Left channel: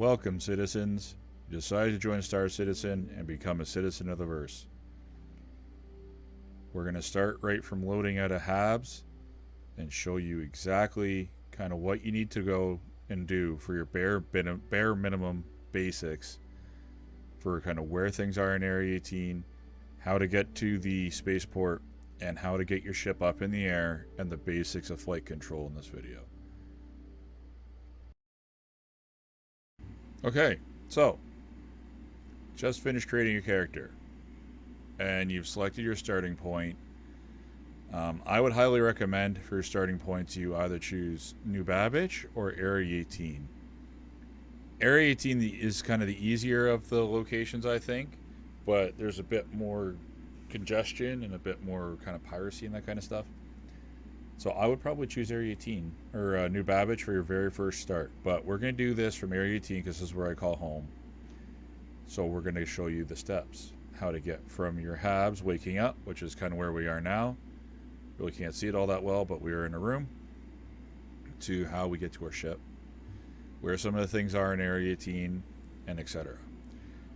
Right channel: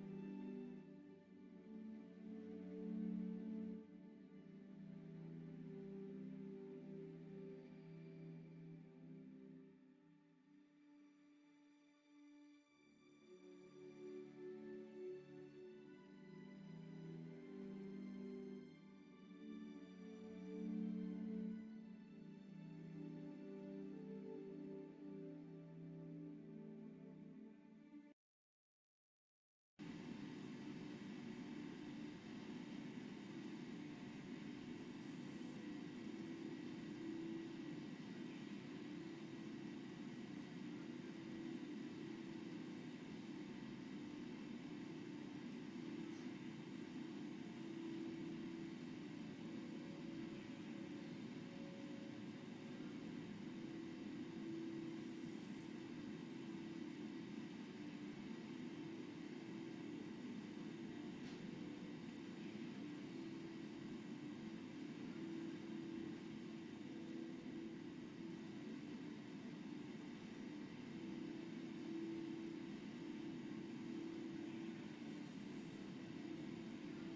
Welcome, citizens. You decided to join Star Citizen and become a citizen of the verse. We're going to start right from loading out of Habs and show you exactly kind of what you need to go and do for your bare minimum basics for kind of where things are in Area 18, how to get to the spaceport, and how to get your ship up in the air, and the basics of flight control in this video. Okay, so just finished creating your character and you've selected your starting point. I would highly recommend for your starting points you either choose New Babbage or Area 18. Area 18 is kind of the easier of the locations, I think, but there's a bit more congestion and a bit more kind of piracy and that kind of stuff. So I would probably choose Area 18 or New Babbage for your very first start. But we're going to do this from Area 18 because this is where I call home. So we're going to show you the steps. How to get from your Habs waking up, which is kind of where we are now. Really can't see it all that well, but we are in a room. To how we get to our ship. Where some of the things are in Area 18 and etc.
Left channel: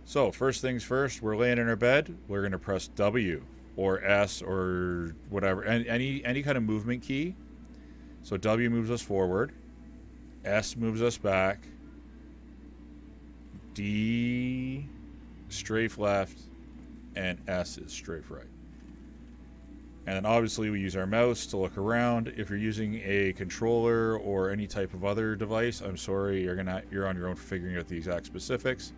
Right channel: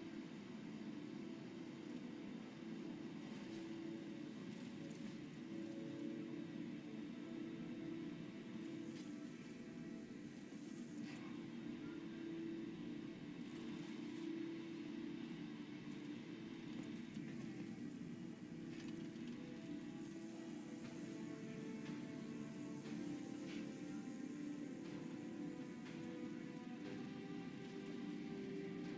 So first things first, we're laying in our bed. We're going to press W or S or whatever, any kind of movement key. So W moves us forward, S moves us back, D strafe left, and S is strafe right. And then obviously we use our mouse to look around. If you're using a controller or any type of other device, I'm sorry, you're on your own for figuring out the exact specifics.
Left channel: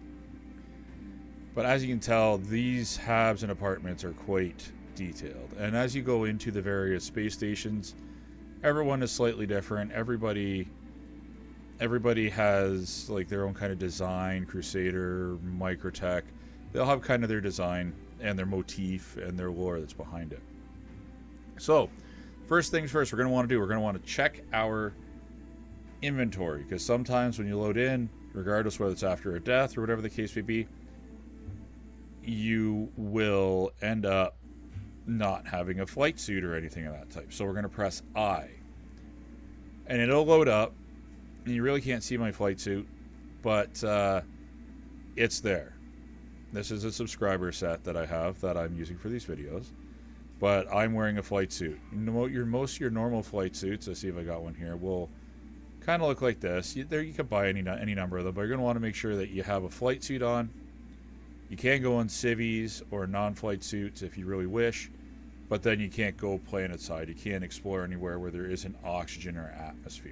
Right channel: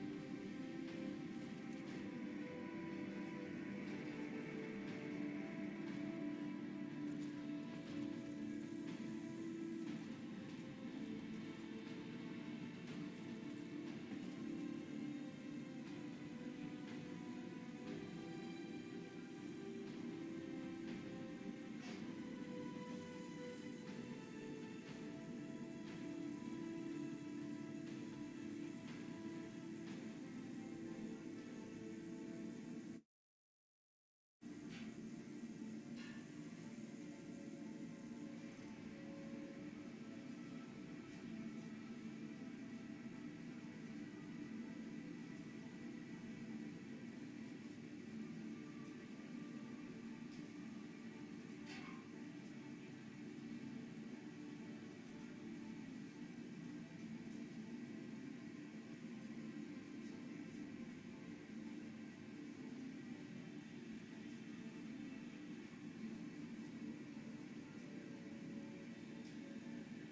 But as you can tell, these Habs and apartments are quite detailed. And as you go into the various space stations, everyone is slightly different. Everybody has like their own kind of design, Crusader, Microtech. They'll have kind of their design and their motif and their lore that's behind it. So, first things first, we're going to want to check our inventory, because sometimes when you load in, regardless whether it's after a death or whatever the case may be, you will end up not having a flight suit or anything of that type. So we're going to press I. And it'll load up. And you really can't see my flight suit, but it's there. This is a subscriber set that I have that I'm using for these videos. But I'm wearing a flight suit. Most of your normal flight suits, let's see if I got one here, will kind of look like this. You could buy any number of them, but you're going to want to make sure that you have a flight suit on. You can go on civvies or non-flight suits if you really wish, but then you can't go planet side. You can't explore anywhere where there isn't oxygen or atmosphere.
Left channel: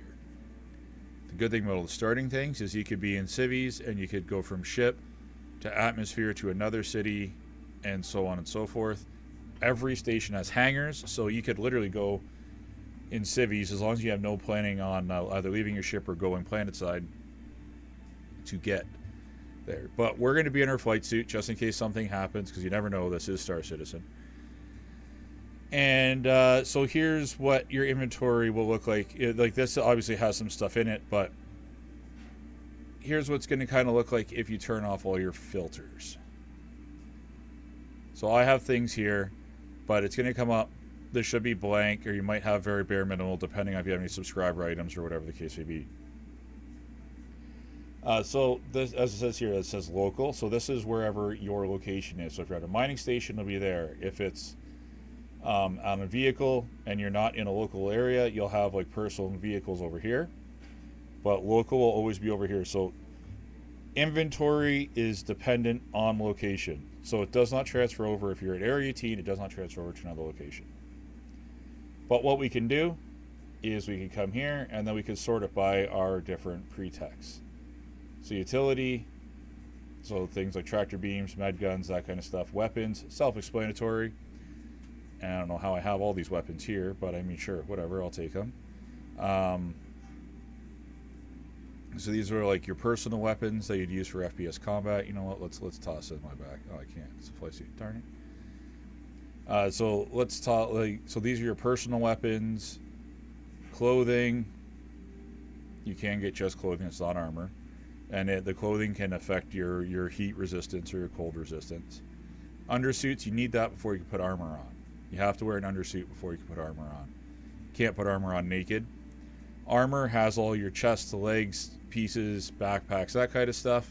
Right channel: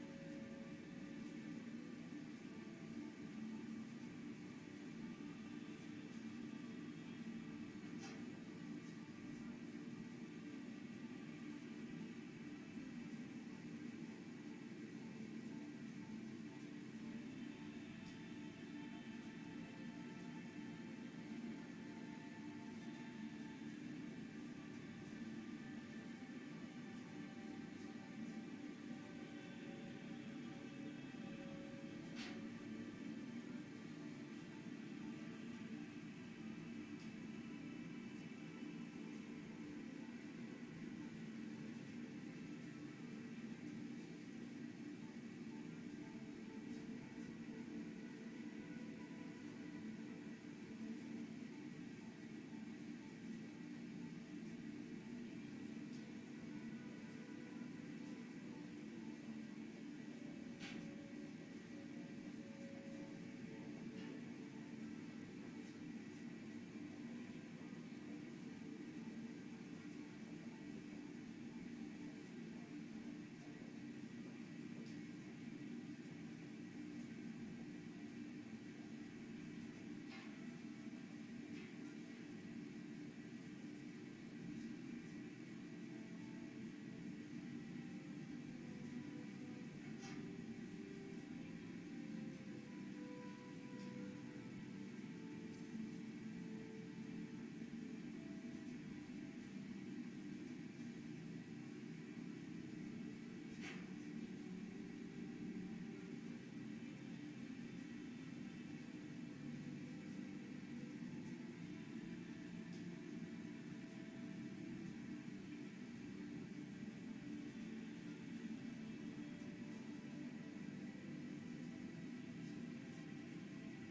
The good thing about all the starting things is you could be in civvies and you could go from ship to atmosphere to another city and so on and so forth. Every station has hangars, so you could literally go in civvies as long as you have no planning on either leaving your ship or going planet side to get there. But we're going to be in our flight suit just in case something happens, because you never know. This is Star Citizen. And so here's what your inventory will look like. Like this obviously has some stuff in it, but here's what's going to kind of look like if you turn off all your filters. So I have things here, but it's going to come up. This should be blank, or you might have very bare minimal, depending on if you have any subscriber items or whatever the case may be. So this, as it says here, it says local. So this is wherever your location is. So if you're at a mining station, it'll be there. If it's on a vehicle and you're not in a local area, you'll have like personal vehicles over here. But local will always be over here. So inventory is dependent on location. So it does not transfer over if you're at Area 18. It does not transfer over to another location. But what we can do is we can come here and then we can sort it by our different pretexts. So utility, so things like tractor beams, med guns, that kind of stuff. Weapons, self-explanatory. And I don't know how I have all these weapons here, but I mean, sure, whatever, I'll take them. So these are like your personal weapons that you'd use for FPS combat. You know what? Let's toss it in my back. Oh, I can't. It's a flight suit. Darn it. So let's talk. So these are your personal weapons, clothing. You can get just clothing. It's not armor. And the clothing can affect your heat resistance or your cold resistance. Undersuits, you need that before you can put armor on. You have to wear an undersuit before you can put armor on. You can't put armor on naked. Armor has all your chest to legs pieces, backpacks, that kind of stuff.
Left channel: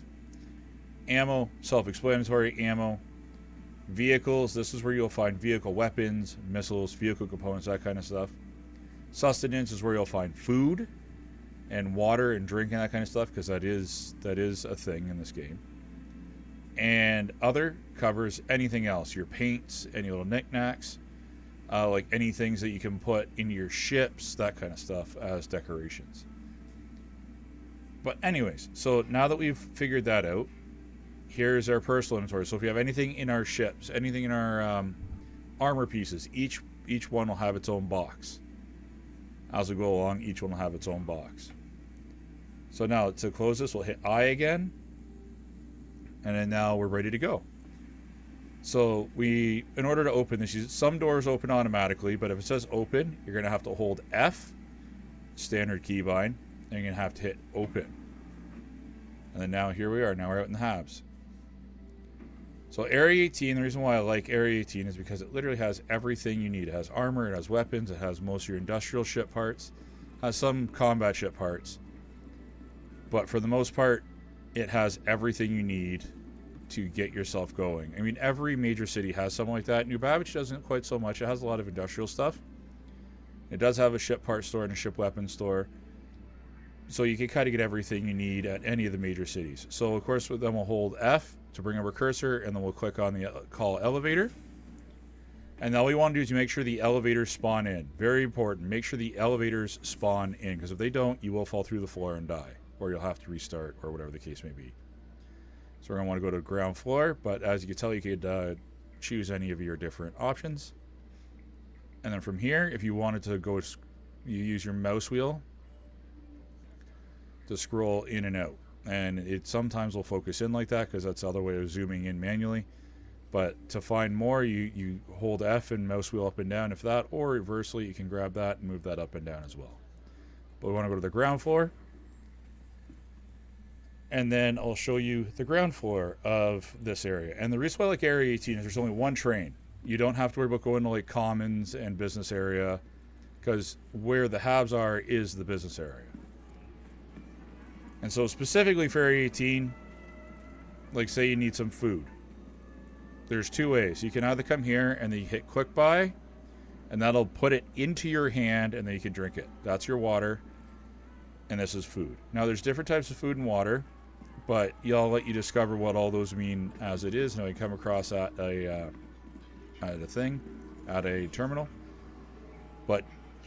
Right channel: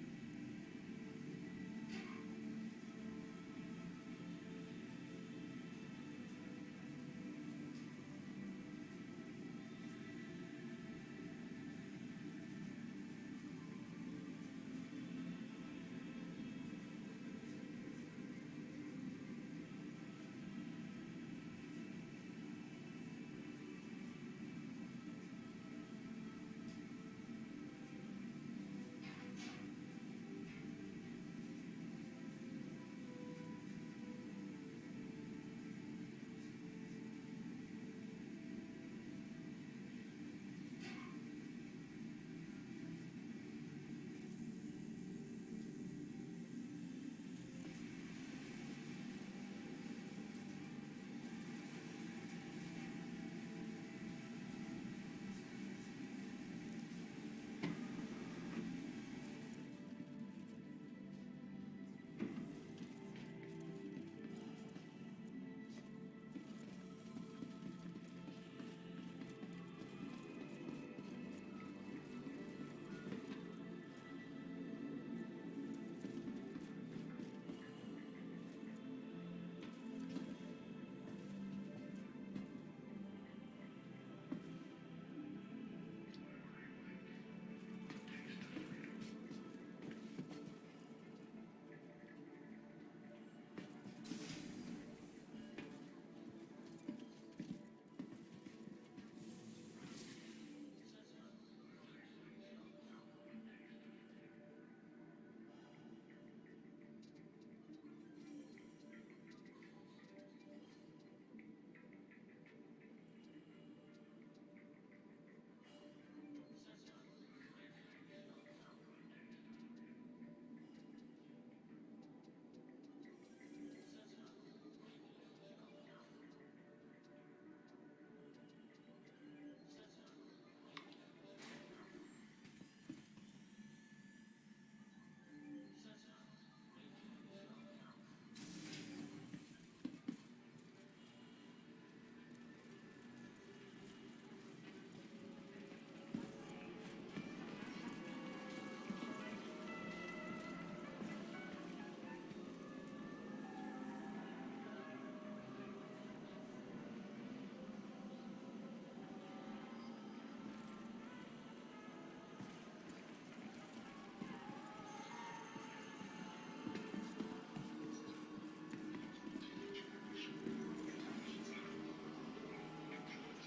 Ammo, self-explanatory. Ammo. Vehicles, this is where you'll find vehicle weapons, missiles, vehicle components, that kind of stuff. Sustenance is where you'll find food and water and drink and that kind of stuff, because that is a thing in this game. And other covers anything else, your paints, any little knickknacks, like any things that you can put into your ships, that kind of stuff as decorations. But anyways, so now that we've figured that out, here's our personal inventory. So if you have anything in our ships, anything in our armor pieces, each one will have its own box. As we go along, each one will have its own box. So now to close this, we'll hit I again. And then now we're ready to go. So in order to open this, some doors open automatically, but if it says open, you're going to have to hold F, standard keybind, and you're going to have to hit open. And then now here we are. Now we're out in the Habs. So Area 18, the reason why I like Area 18 is because it literally has everything you need. It has armor, it has weapons, it has most of your industrial ship parts, it has some combat ship parts. But for the most part, it has everything you need to get yourself going. I mean, every major city has something like that. New Babbage doesn't quite so much. It has a lot of industrial stuff. It does have a ship part store and a ship weapon store. So you can kind of get everything you need at any of the major cities. So of course, then we'll hold F to bring up our cursor, and then we'll click on the call elevator. And all we want to do is make sure the elevators spawn in. Very important. Make sure the elevators spawn in, because if they don't, you will fall through the floor and die, or you'll have to restart, or whatever the case may be. So we're going to want to go to the ground floor, but as you can tell, you could choose any of your different options. And then from here, if you wanted to go, you use your mouse wheel to scroll in and out. And it sometimes will focus in like that, because that's the other way of zooming in manually. But to find more, you hold F and mouse wheel up and down if that, or reversely, you can grab that and move that up and down as well. But we want to go to the ground floor. And then I'll show you the ground floor of this area. And the reason why I like Area 18 is there's only one train. You don't have to worry about going to like commons and business area, because where the Habs are is the business area. And so specifically for Area 18, like say you need some food, there's two ways. You can either come here and then you hit quick buy, and that'll put it into your hand, and then you can drink it. That's your water, and this is food. Now there's different types of food and water, but I'll let you discover what all those mean as it is. Now you come across at a terminal. But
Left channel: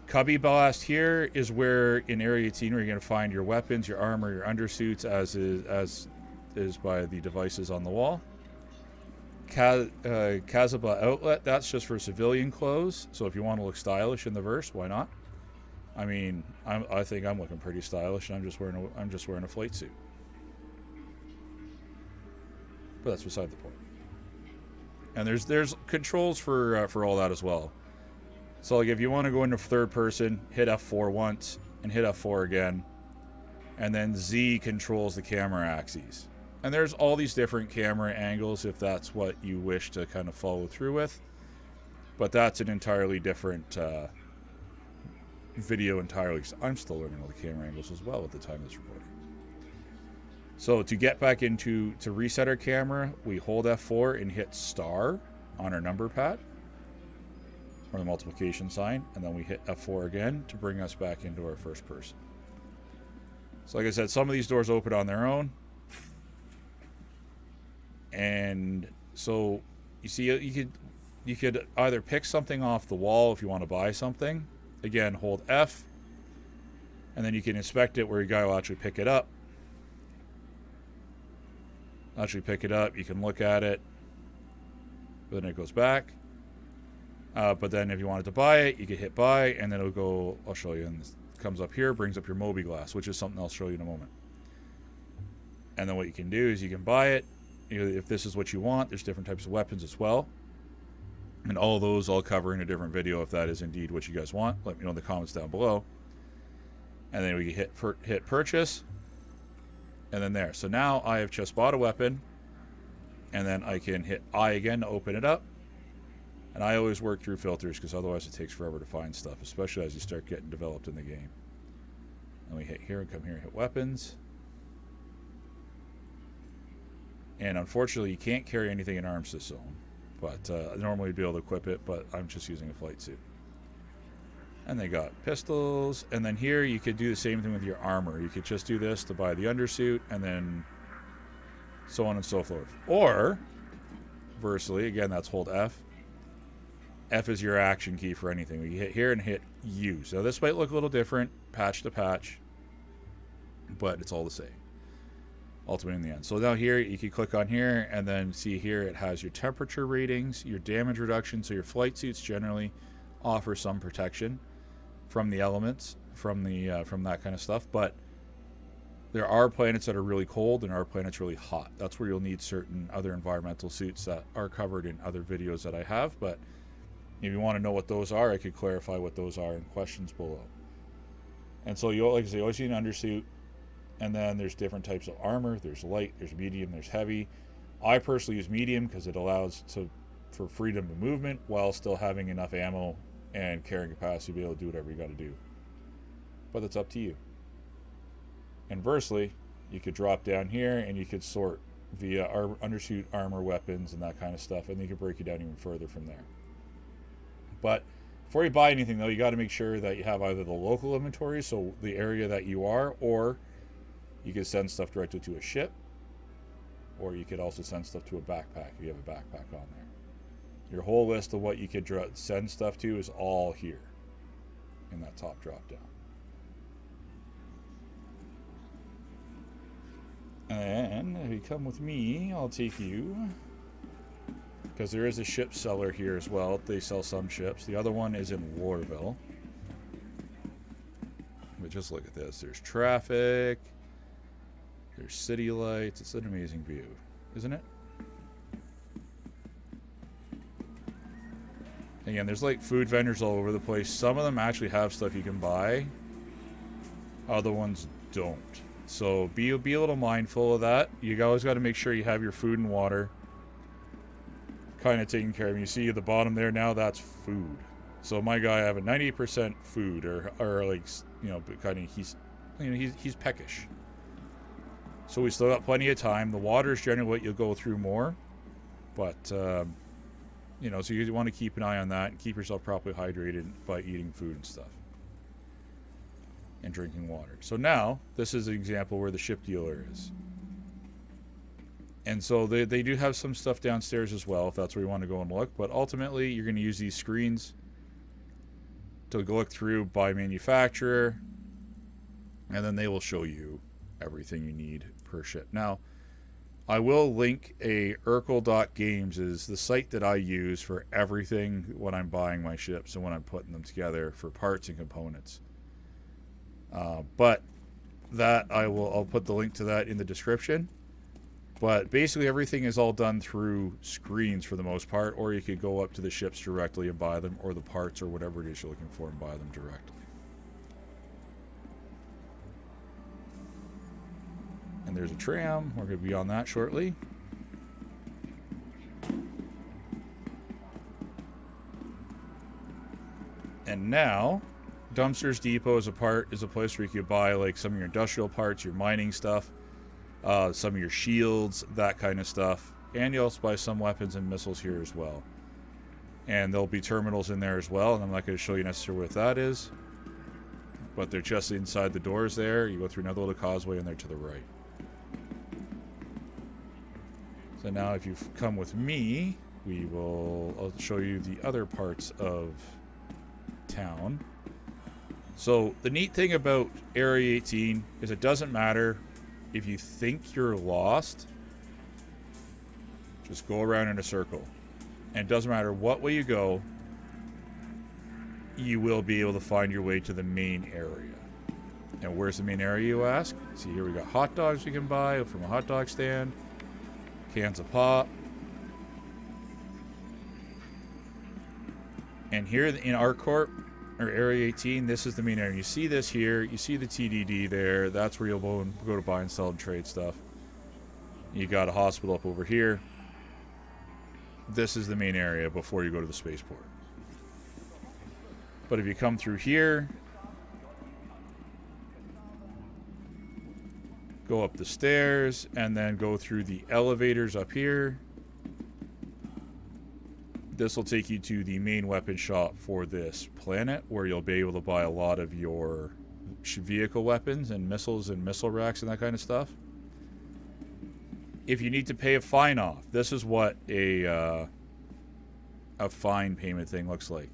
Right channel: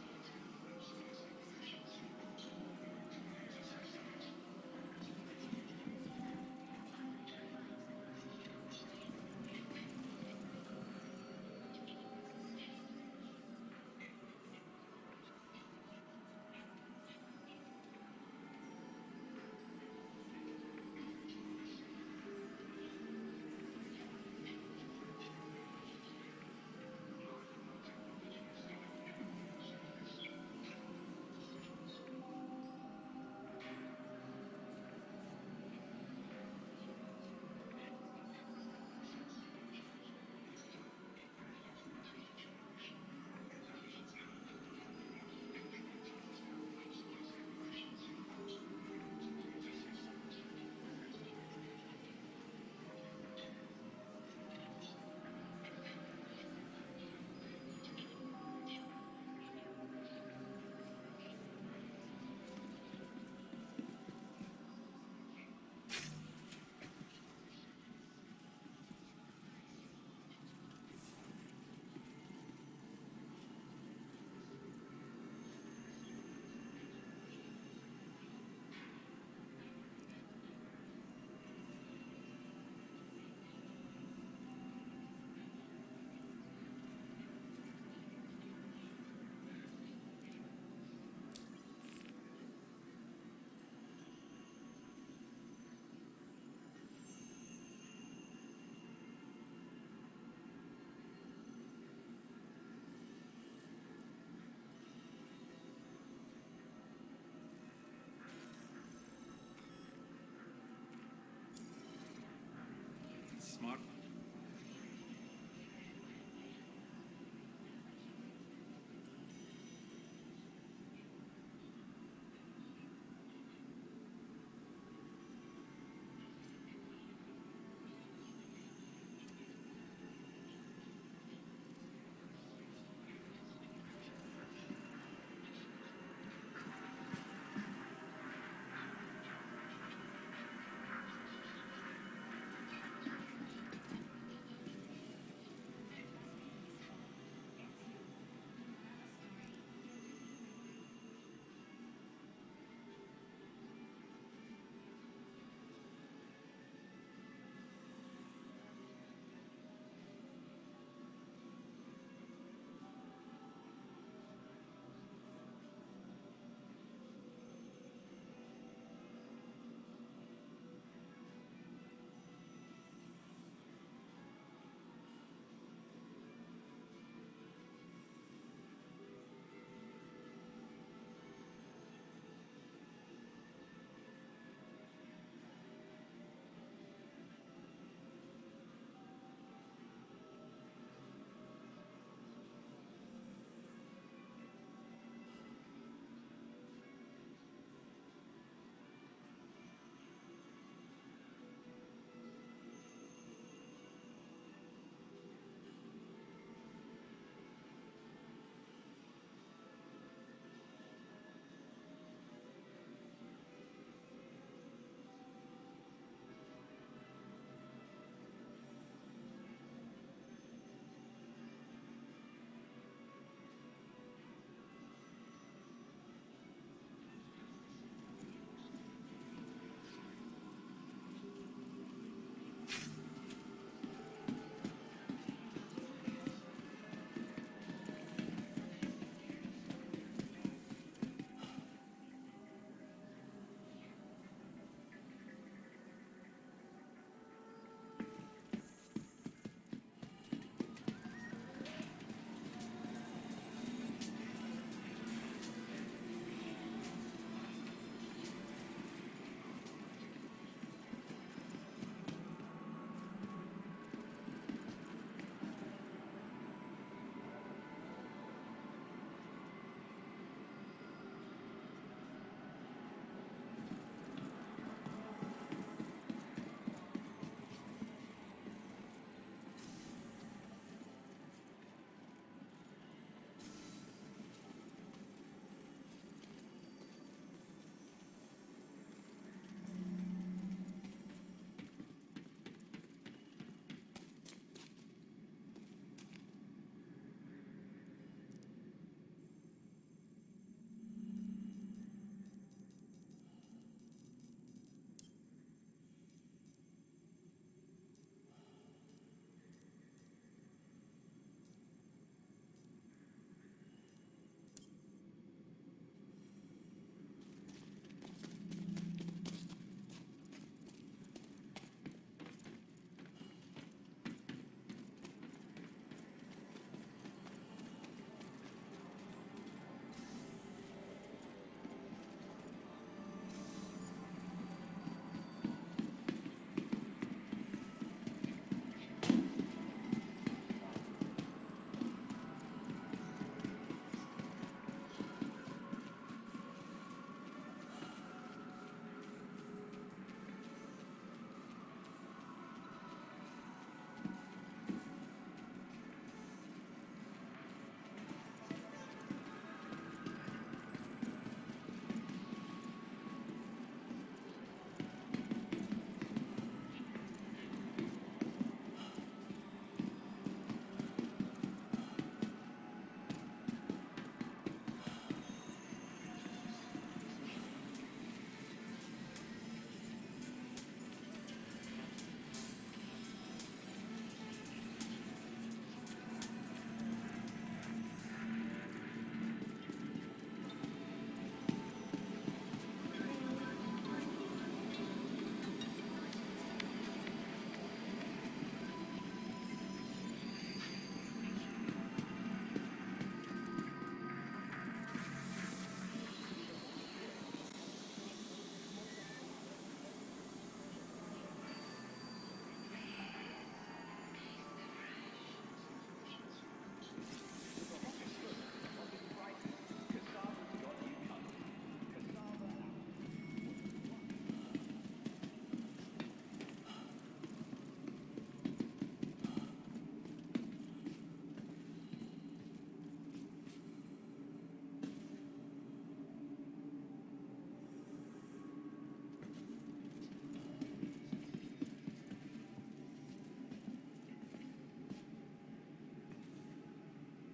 Cubby Blast here is where in Area 18 where you're going to find your weapons, your armor, your undersuits, as is by the devices on the wall. Kazaba Outlet, that's just for civilian clothes. So if you want to look stylish in the verse, why not? I mean, I think I'm looking pretty stylish, and I'm just wearing a flight suit. But that's beside the point. And there's controls for all that as well. So like if you want to go into third person, hit F4 once and hit F4 again, and then Z controls the camera axes. And there's all these different camera angles if that's what you wish to kind of follow through with. But that's an entirely different video entirely. I'm still learning all the camera angles as well at the time it's recording. So to get back to reset our camera, we hold F4 and hit star on our number pad, or the multiplication sign, and then we hit F4 again to bring us back into our first person. So like I said, some of these doors open on their own. And so you see, you could either pick something off the wall if you want to buy something. Again, hold F, and then you can inspect it where your guy will actually pick it up. You can look at it, then it goes back. But then if you wanted to buy it, you can hit buy, and then it'll go, I'll show you, and it comes up here, brings up your Mobiglass, which is something I'll show you in a moment. And then what you can do is you can buy it. If this is what you want, there's different types of weapons as well. And all those I'll cover in a different video if that is indeed what you guys want. Let me know in the comments down below. And then we hit purchase. And then there. So now I have just bought a weapon. And then I can hit I again to open it up. And I always work through filters because otherwise it takes forever to find stuff, especially as you start getting developed in the game. And we hit here and come here and hit weapons. And unfortunately, you can't carry anything in arms this zone. But normally you'd be able to equip it, but I'm just using a flight suit. And they got pistols. And then here you could do the same thing with your armor. You could just do this to buy the undersuit, and then so on and so forth. Or, versely, again, that's hold F. F is your action key for anything. You hit here and hit U. So this might look a little different, patch to patch, but it's all the same, ultimately in the end. So now here, you can click on here, and then see here it has your temperature ratings, your damage reduction. So your flight suits generally offer some protection from the elements, from that kind of stuff. But there are planets that are really cold and are planets really hot. That's where you'll need certain other environmental suits that are covered in other videos that I have. But if you want to know what those are, I could clarify what those are in questions below. And so you, like I say, always need an undersuit. And then there's different types of armor. There's light, there's medium, there's heavy. I personally use medium because it allows for freedom of movement while still having enough ammo and carrying capacity to be able to do whatever you got to do. But it's up to you. Inversely, you could drop down here and you could sort via undersuit, armor, weapons, and that kind of stuff, and you could break it down even further from there. But before you buy anything, though, you got to make sure that you have either the local inventory, so the area that you are, or you could send stuff directly to a ship, or you could also send stuff to a backpack if you have a backpack on there. Your whole list of what you could send stuff to is all here in that top drop down. And if you come with me, I'll take you, because there is a ship seller here as well. They sell some ships. The other one is in Warville. But just look at this. There's traffic. There's city lights. It's an amazing view, isn't it? Again, there's like food vendors all over the place. Some of them actually have stuff you can buy. Other ones don't. So be a little mindful of that. You always got to make sure you have your food and water kind of taken care of. You see at the bottom there now, that's food. So my guy, I have a 98% food, or like, you know, kind of he's peckish. So we still got plenty of time. The water is generally what you'll go through more, but you know, so you want to keep an eye on that. Keep yourself properly hydrated by eating food and stuff. And drinking water. So now, this is an example where the ship dealer is. And so they do have some stuff downstairs as well, if that's where you want to go and look. But ultimately, you're going to use these screens to look through by manufacturer. And then they will show you everything you need per ship. Now, I will link a Urkel.games is the site that I use for everything when I'm buying my ships and when I'm putting them together for parts and components. But that I'll put the link to that in the description. But basically everything is all done through screens for the most part, or you could go up to the ships directly and buy them, or the parts or whatever it is you're looking for and buy them direct. And there's a tram. We're going to be on that shortly. And now, Dumpsters Depot is a place where you could buy like some of your industrial parts, your mining stuff, some of your shields, that kind of stuff. And you also buy some weapons and missiles here as well. And there'll be terminals in there as well. And I'm not going to show you necessarily what that is, but they're just inside the doors there. You go through another little causeway and they're to the right. So now if you come with me, I'll show you the other parts of town. So the neat thing about Area 18 is it doesn't matter if you think you're lost, just go around in a circle. And it doesn't matter what way you go, you will be able to find your way to the main area. Now where's the main area, you ask? So here we got hot dogs you can buy from a hot dog stand, cans of pop. And here in our corp, or Area 18, this is the main area. You see this here, you see the TDD there, that's where you'll go to buy and sell and trade stuff. You got a hospital up over here. This is the main area before you go to the spaceport. But if you come through here, go up the stairs, and then go through the elevators up here. This will take you to the main weapon shop for this planet, where you'll be able to buy a lot of your vehicle weapons and missiles and missile racks and that kind of stuff. If you need to pay a fine off, this is what a fine payment thing looks like.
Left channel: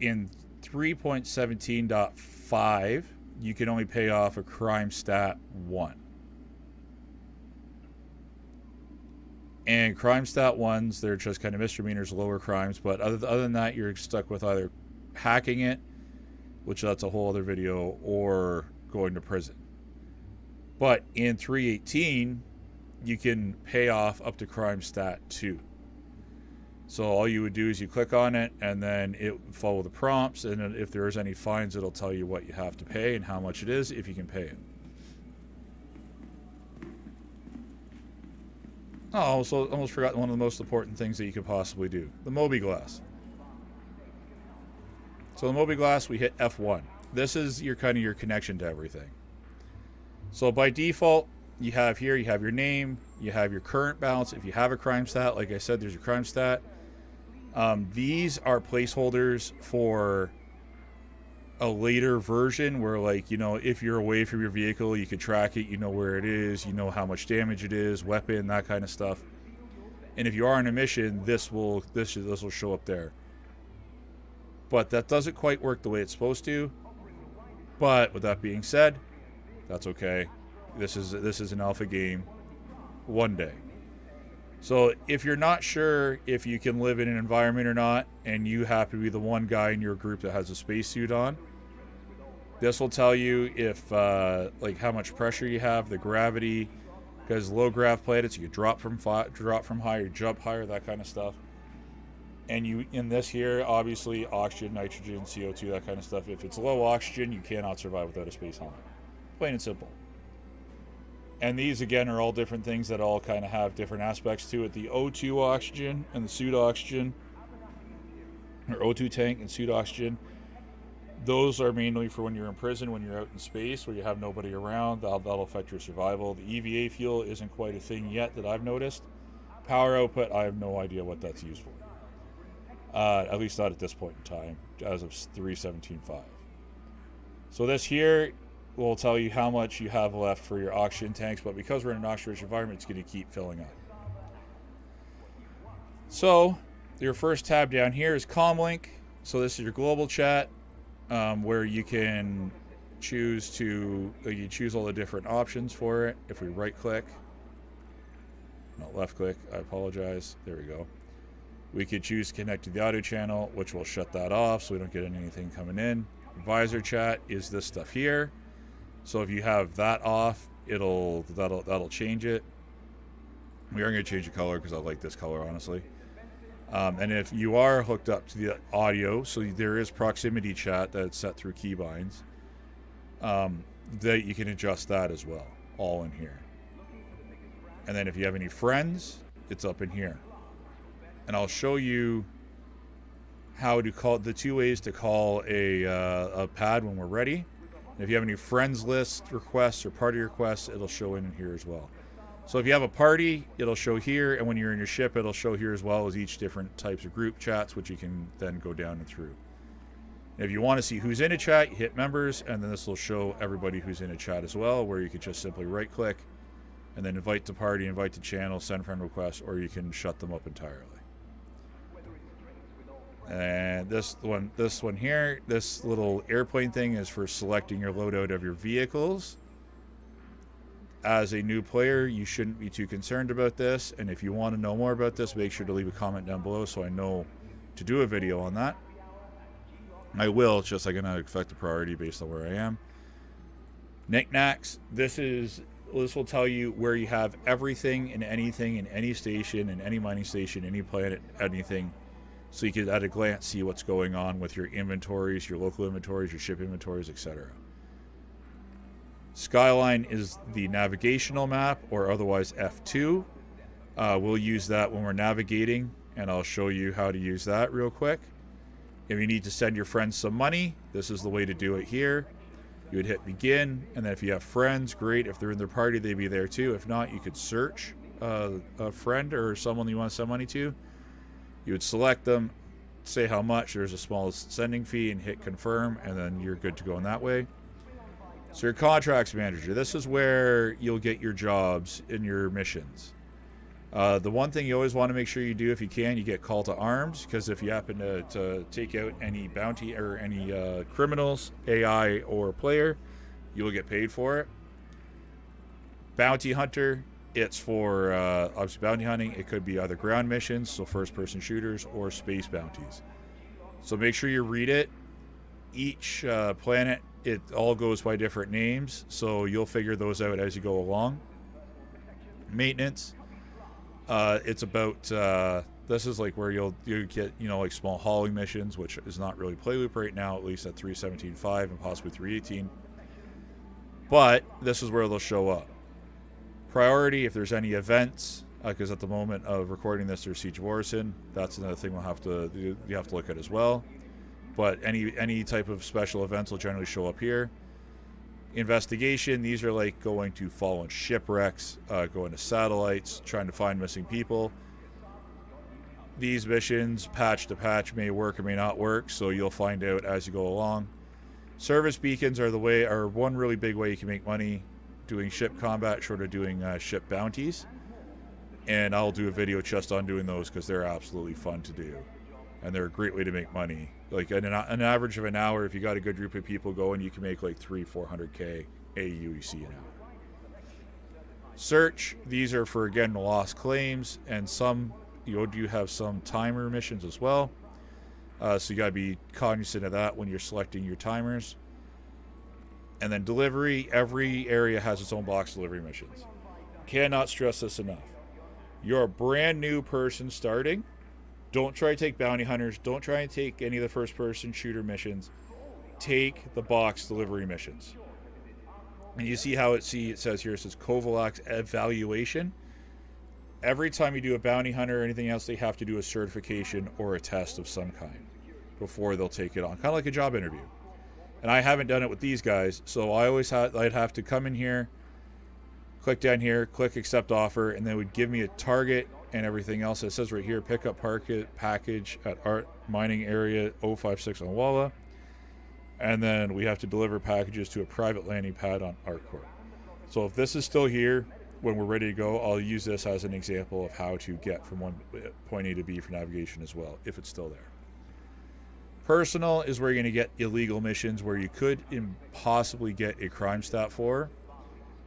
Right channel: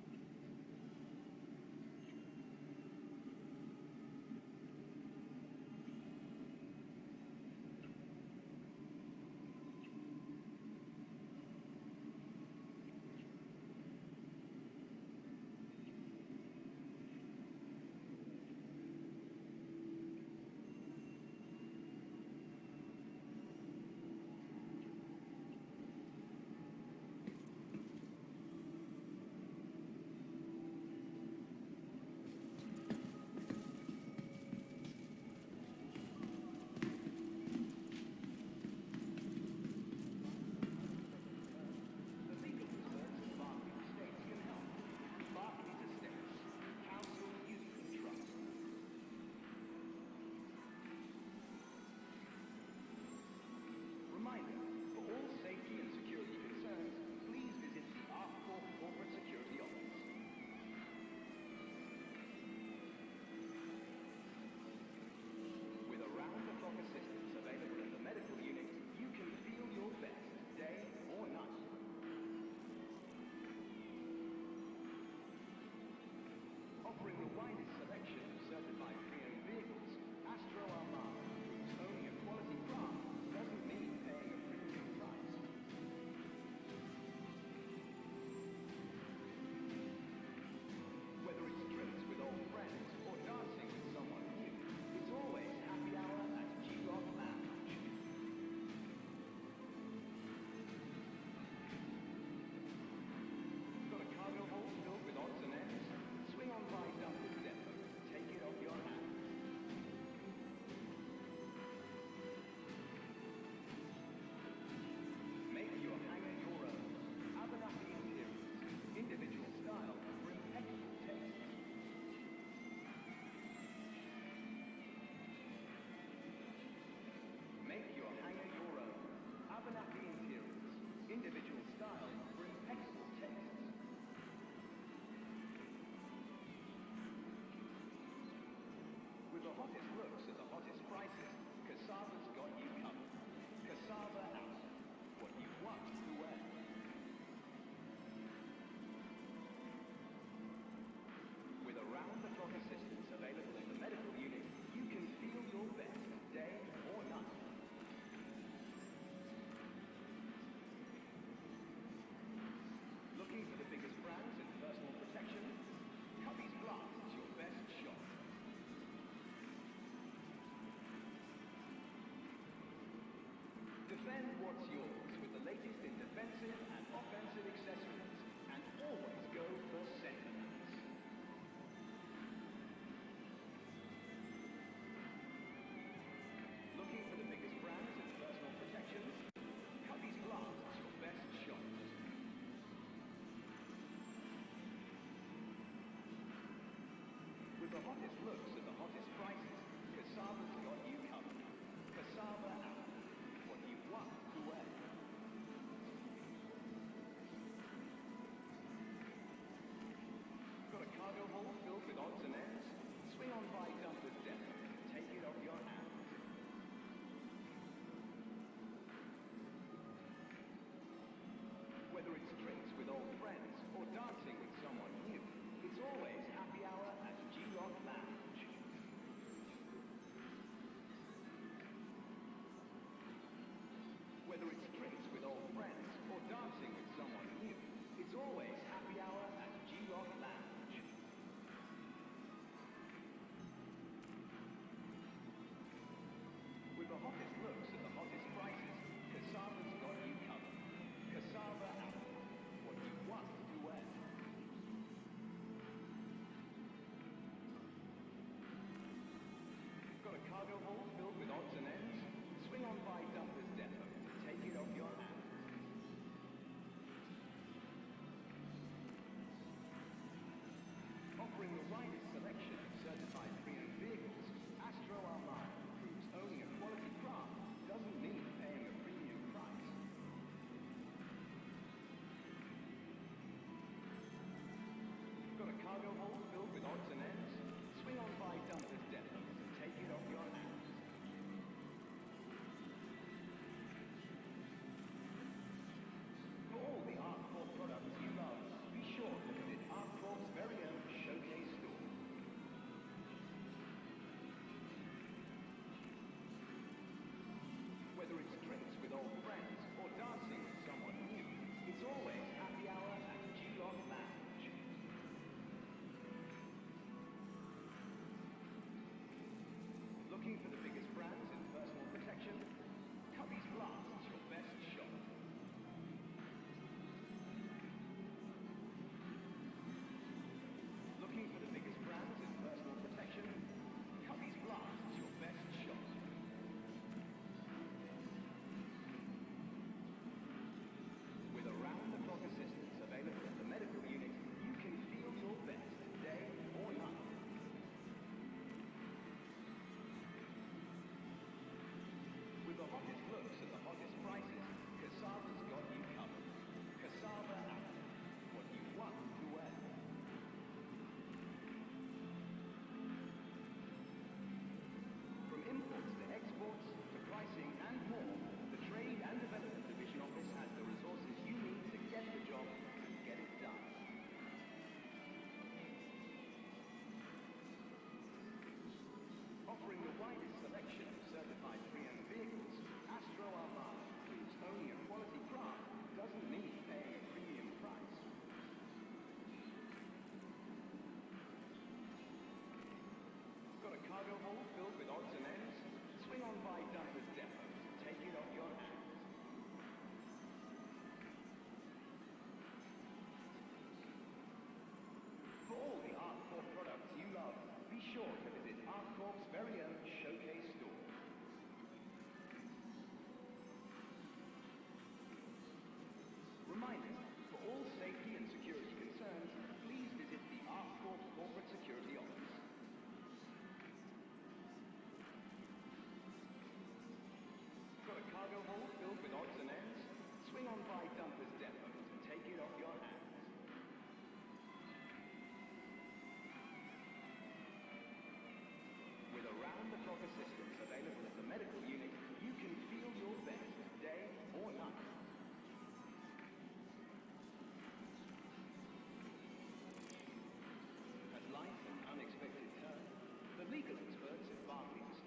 In 3.17.5, you can only pay off a crime stat 1. And crime stat 1s, they're just kind of misdemeanors, lower crimes, but other than that, you're stuck with either hacking it, which that's a whole other video, or going to prison. But in 3.18, you can pay off up to crime stat 2. So all you would do is you click on it, and then it will follow the prompts, and if there's any fines, it'll tell you what you have to pay and how much it is, if you can pay it. Oh, also almost forgot one of the most important things that you could possibly do. The Mobiglass. So the Mobiglass, we hit F1. This is your kind of your connection to everything. So by default, you have here, you have your name, you have your current balance. If you have a crime stat, like I said, there's your crime stat. These are placeholders for a later version where, like, you know, if you're away from your vehicle, you can track it, you know where it is, you know how much damage it is, weapon, that kind of stuff. And if you are on a mission, this will show up there. But that doesn't quite work the way it's supposed to. But with that being said, that's okay. This is an alpha game. One day. So if you're not sure if you can live in an environment or not, and you happen to be the one guy in your group that has a spacesuit on, this will tell you if like how much pressure you have, the gravity, because low grav planets you can drop from higher, jump higher, that kind of stuff. And you in this here, obviously oxygen, nitrogen, CO2, that kind of stuff. If it's low oxygen, you cannot survive without a space helmet. Plain and simple. And these, again, are all different things that all kind of have different aspects to it. The O2 oxygen and the suit oxygen, or O2 tank and suit oxygen, those are mainly for when you're in prison, when you're out in space, where you have nobody around. That'll affect your survival. The EVA fuel isn't quite a thing yet that I've noticed. Power output, I have no idea what that's used for. At least not at this point in time, as of 3.17.5. So this here will tell you how much you have left for your oxygen tanks, but because we're in an oxygen-rich environment, it's going to keep filling up. So your first tab down here is Comlink. So this is your global chat, where you can choose all the different options for it. If we right-click, not left-click, I apologize. There we go. We could choose to connect to the audio channel, which will shut that off so we don't get anything coming in. Advisor chat is this stuff here. So if you have that off, that'll change it. We are going to change the color because I like this color, honestly. And if you are hooked up to the audio, so there is proximity chat that's set through keybinds, that you can adjust that as well, all in here. And then if you have any friends, it's up in here. And I'll show you how to call the 2 ways to call a pad when we're ready. And if you have any friends list requests or party requests, it'll show in here as well. So if you have a party, it'll show here, and when you're in your ship, it'll show here as well as each different types of group chats, which you can then go down and through. If you want to see who's in a chat, you hit members, and then this will show everybody who's in a chat as well, where you can just simply right-click and then invite to party, invite to channel, send friend requests, or you can shut them up entirely. And this one here, this little airplane thing is for selecting your loadout of your vehicles. As a new player, you shouldn't be too concerned about this, and if you want to know more about this, make sure to leave a comment down below so I know to do a video on that. I will, it's just I'm going to affect the priority based on where I am. Knickknacks, this will tell you where you have everything and anything in any station, in any mining station, any planet, anything. So you can at a glance see what's going on with your inventories, your local inventories, your ship inventories, etc. Skyline is the navigational map, or otherwise F2. We'll use that when we're navigating, and I'll show you how to use that real quick. If you need to send your friends some money, this is the way to do it here. You would hit begin, and then if you have friends, great. If they're in their party, they'd be there too. If not, you could search a friend or someone you want to send money to. You would select them, say how much, there's a small sending fee, and hit confirm, and then you're good to go in that way. So your contracts manager, this is where you'll get your jobs in your missions. The one thing you always want to make sure you do, if you can, you get call to arms, because if you happen to take out any bounty or any criminals, AI or player, you'll get paid for it. Bounty hunter, it's for obviously bounty hunting. It could be either ground missions, so first-person shooters, or space bounties. So make sure you read it. Each planet, it all goes by different names, so you'll figure those out as you go along. Maintenance. It's about this is like where you get like small hauling missions, which is not really play loop right now, at least at 3.17.5 and possibly 3.18. But this is where they'll show up. Priority if there's any events, because at the moment of recording this there's Siege of Orison. That's another thing you have to look at as well. But any type of special events will generally show up here. Investigation, these are like going to fallen shipwrecks, going to satellites, trying to find missing people. These missions, patch to patch, may work or may not work, so you'll find out as you go along. Service beacons are one really big way you can make money doing ship combat, short of doing ship bounties. And I'll do a video just on doing those because they're absolutely fun to do. And they're a great way to make money. Like an average of an hour, if you got a good group of people going, you can make like 300-400k AUEC an hour. Search, these are for, again, lost claims, and some you do have some timer missions as well. So you got to be cognizant of that when you're selecting your timers. And then delivery, every area has its own box delivery missions. Cannot stress this enough. You're a brand new person starting. Don't try to take bounty hunters. Don't try and take any of the first-person shooter missions. Take the box delivery missions. And you see how it says here, it says Kovalax evaluation. Every time you do a bounty hunter or anything else, they have to do a certification or a test of some kind before they'll take it on. Kind of like a job interview. And I haven't done it with these guys, so I'd have to come in here, click down here, click accept offer, and they would give me a target and everything else. It says right here, pick up package at Art Mining Area 056 on Walla. And then we have to deliver packages to a private landing pad on ArtCorp. So if this is still here, when we're ready to go, I'll use this as an example of how to get from point A to B for navigation as well, if it's still there. Personal is where you're going to get illegal missions where you could possibly get a crime stat for.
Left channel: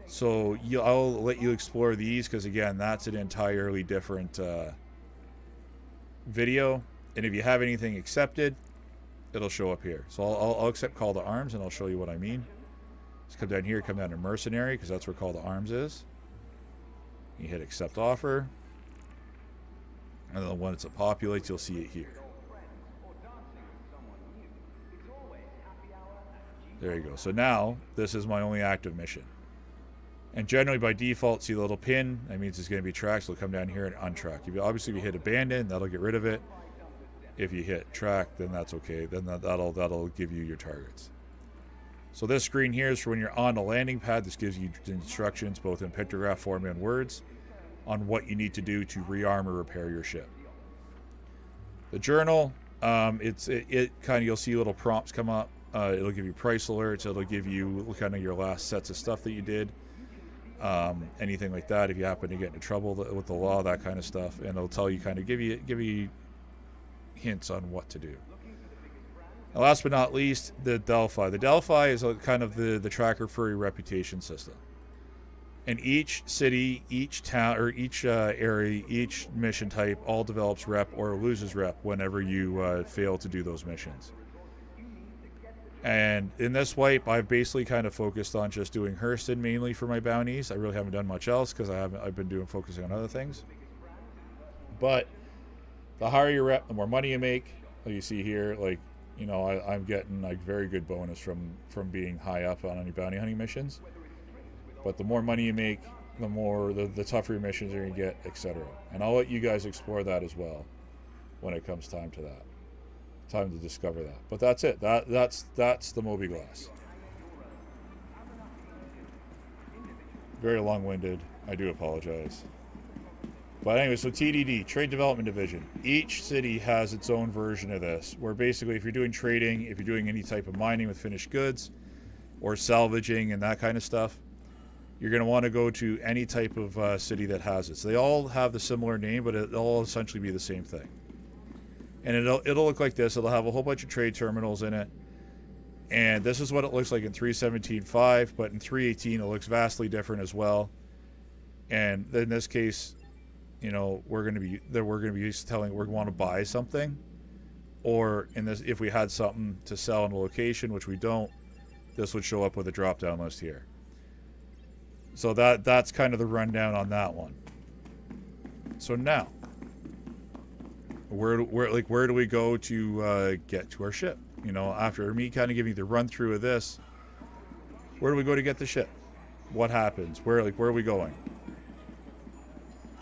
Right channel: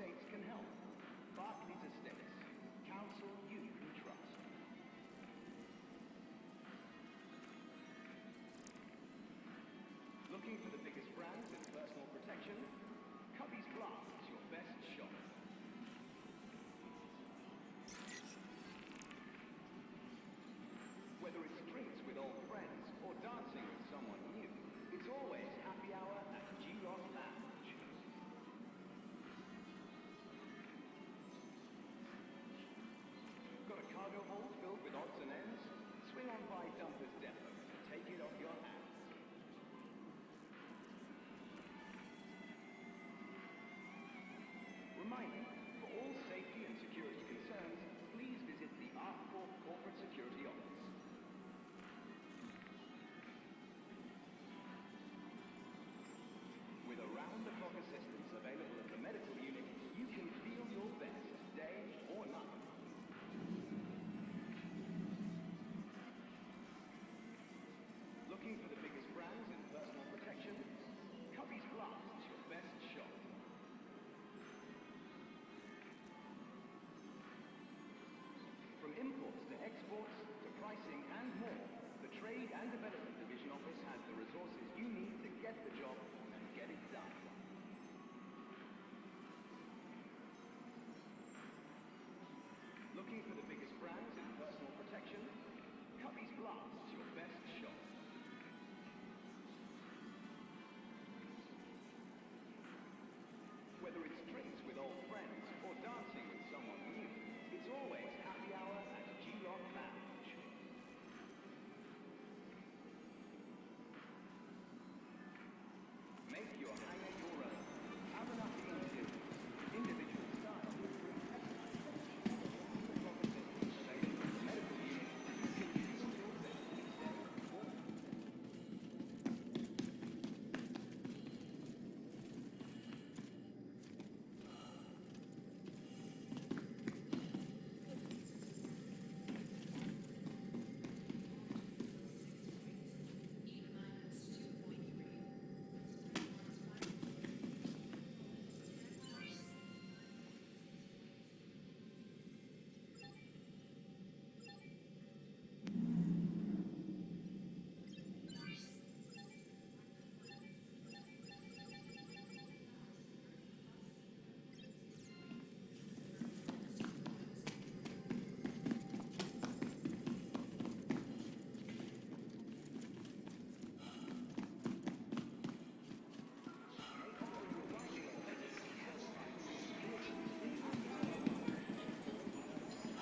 So I'll let you explore these because, again, that's an entirely different video. And if you have anything accepted, it'll show up here. So I'll accept call to arms, and I'll show you what I mean. Just come down here, come down to mercenary, because that's where call to arms is. You hit accept offer. And then once it populates, you'll see it here. There you go. So now, this is my only active mission. And generally, by default, see the little pin. That means it's going to be tracked, so it'll come down here and untrack. Obviously, if you hit abandon, that'll get rid of it. If you hit track, then that's okay. Then that'll give you your targets. So this screen here is for when you're on a landing pad. This gives you instructions, both in pictograph form and words, on what you need to do to rearm or repair your ship. The journal, it kind of, you'll see little prompts come up. It'll give you price alerts. It'll give you kind of your last sets of stuff that you did. Anything like that, if you happen to get into trouble with the law, that kind of stuff, and it'll tell you, kind of give you hints on what to do. And last but not least, the Delphi. The Delphi is kind of the tracker for your reputation system. And each city, each town, or each area, each mission type all develops rep or loses rep whenever you fail to do those missions. And in this wipe, I've basically kind of focused on just doing Hurston mainly for my bounties. I really haven't done much else because I've been focusing on other things. But the higher your rep, the more money you make. Like you see here, like, you know, I'm getting like very good bonus from being high up on any bounty hunting missions. But the more money you make, the more the tougher your missions are going to get, etc. And I'll let you guys explore that as well when it comes time to that. Time to discover that. But that's it. That's the Mobiglass. very long-winded. I do apologize. But anyway, so TDD, Trade Development Division. Each city has its own version of this, where basically if you're doing trading, if you're doing any type of mining with finished goods, or salvaging and that kind of stuff, you're going to want to go to any type of city that has it. So they all have the similar name, but it'll all essentially be the same thing. And it'll look like this. It'll have a whole bunch of trade terminals in it. And this is what it looks like in 3.17.5, but in 3.18 it looks vastly different as well. And in this case, you know, we're going to be telling we're going to buy something, or in this, if we had something to sell in a location, which we don't, this would show up with a drop-down list here. So that's kind of the rundown on that one. So now, where do we go to get to our ship? You know, after me kind of giving you the run through of this, where do we go to get the ship? What happens? Where are we going?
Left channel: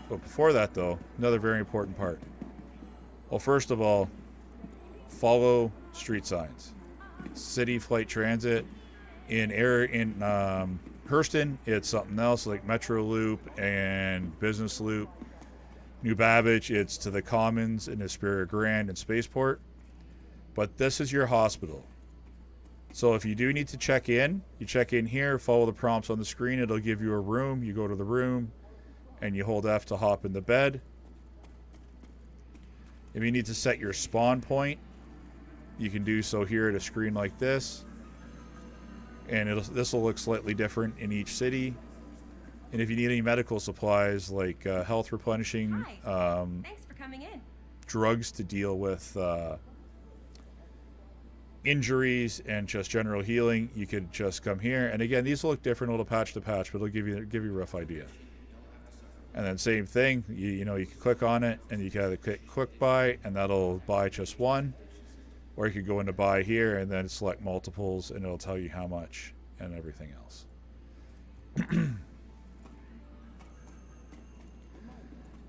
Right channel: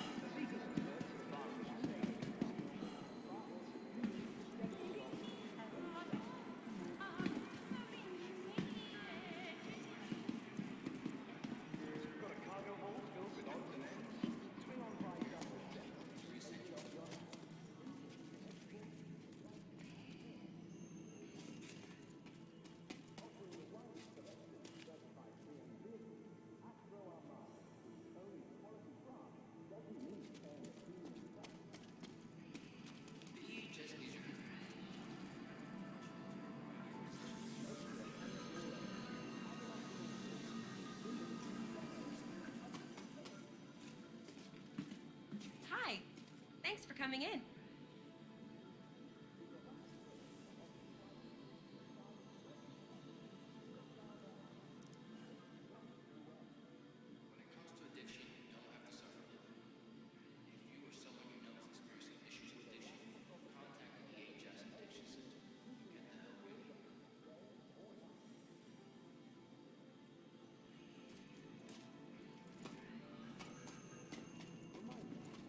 But before that, though, another very important part. Well, first of all, follow street signs. City Flight Transit. In Hurston, it's something else like Metro Loop and Business Loop. New Babbage, it's to the Commons in Esperia Grand and Spaceport. But this is your hospital. So if you do need to check in, you check in here, follow the prompts on the screen. It'll give you a room. You go to the room and you hold F to hop in the bed. If you need to set your spawn point, you can do so here at a screen like this. And this will look slightly different in each city. And if you need any medical supplies like health replenishing, thanks for coming in. Drugs to deal with injuries and just general healing, you could just come here. And again, these will look different, little patch to patch, but it'll give you a rough idea. And then same thing, you know, you can click on it and you can either click quick buy and that'll buy just one, or you could go into buy here and then select multiples and it'll tell you how much and everything else.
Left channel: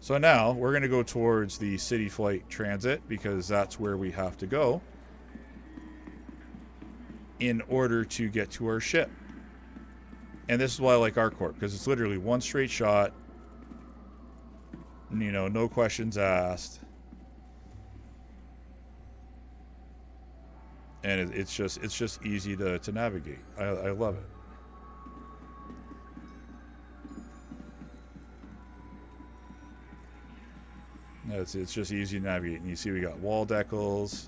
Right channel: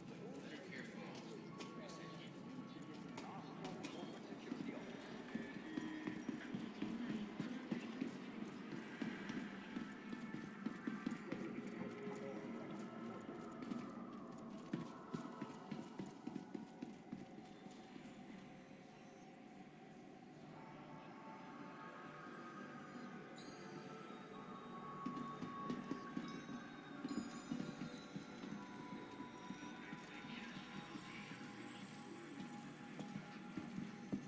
So now we're going to go towards the City Flight Transit because that's where we have to go in order to get to our ship. And this is why I like ArcCorp, because it's literally one straight shot. You know, no questions asked. And it's just easy to navigate. I love it. Yeah, it's just easy to navigate. And you see we got wall decals.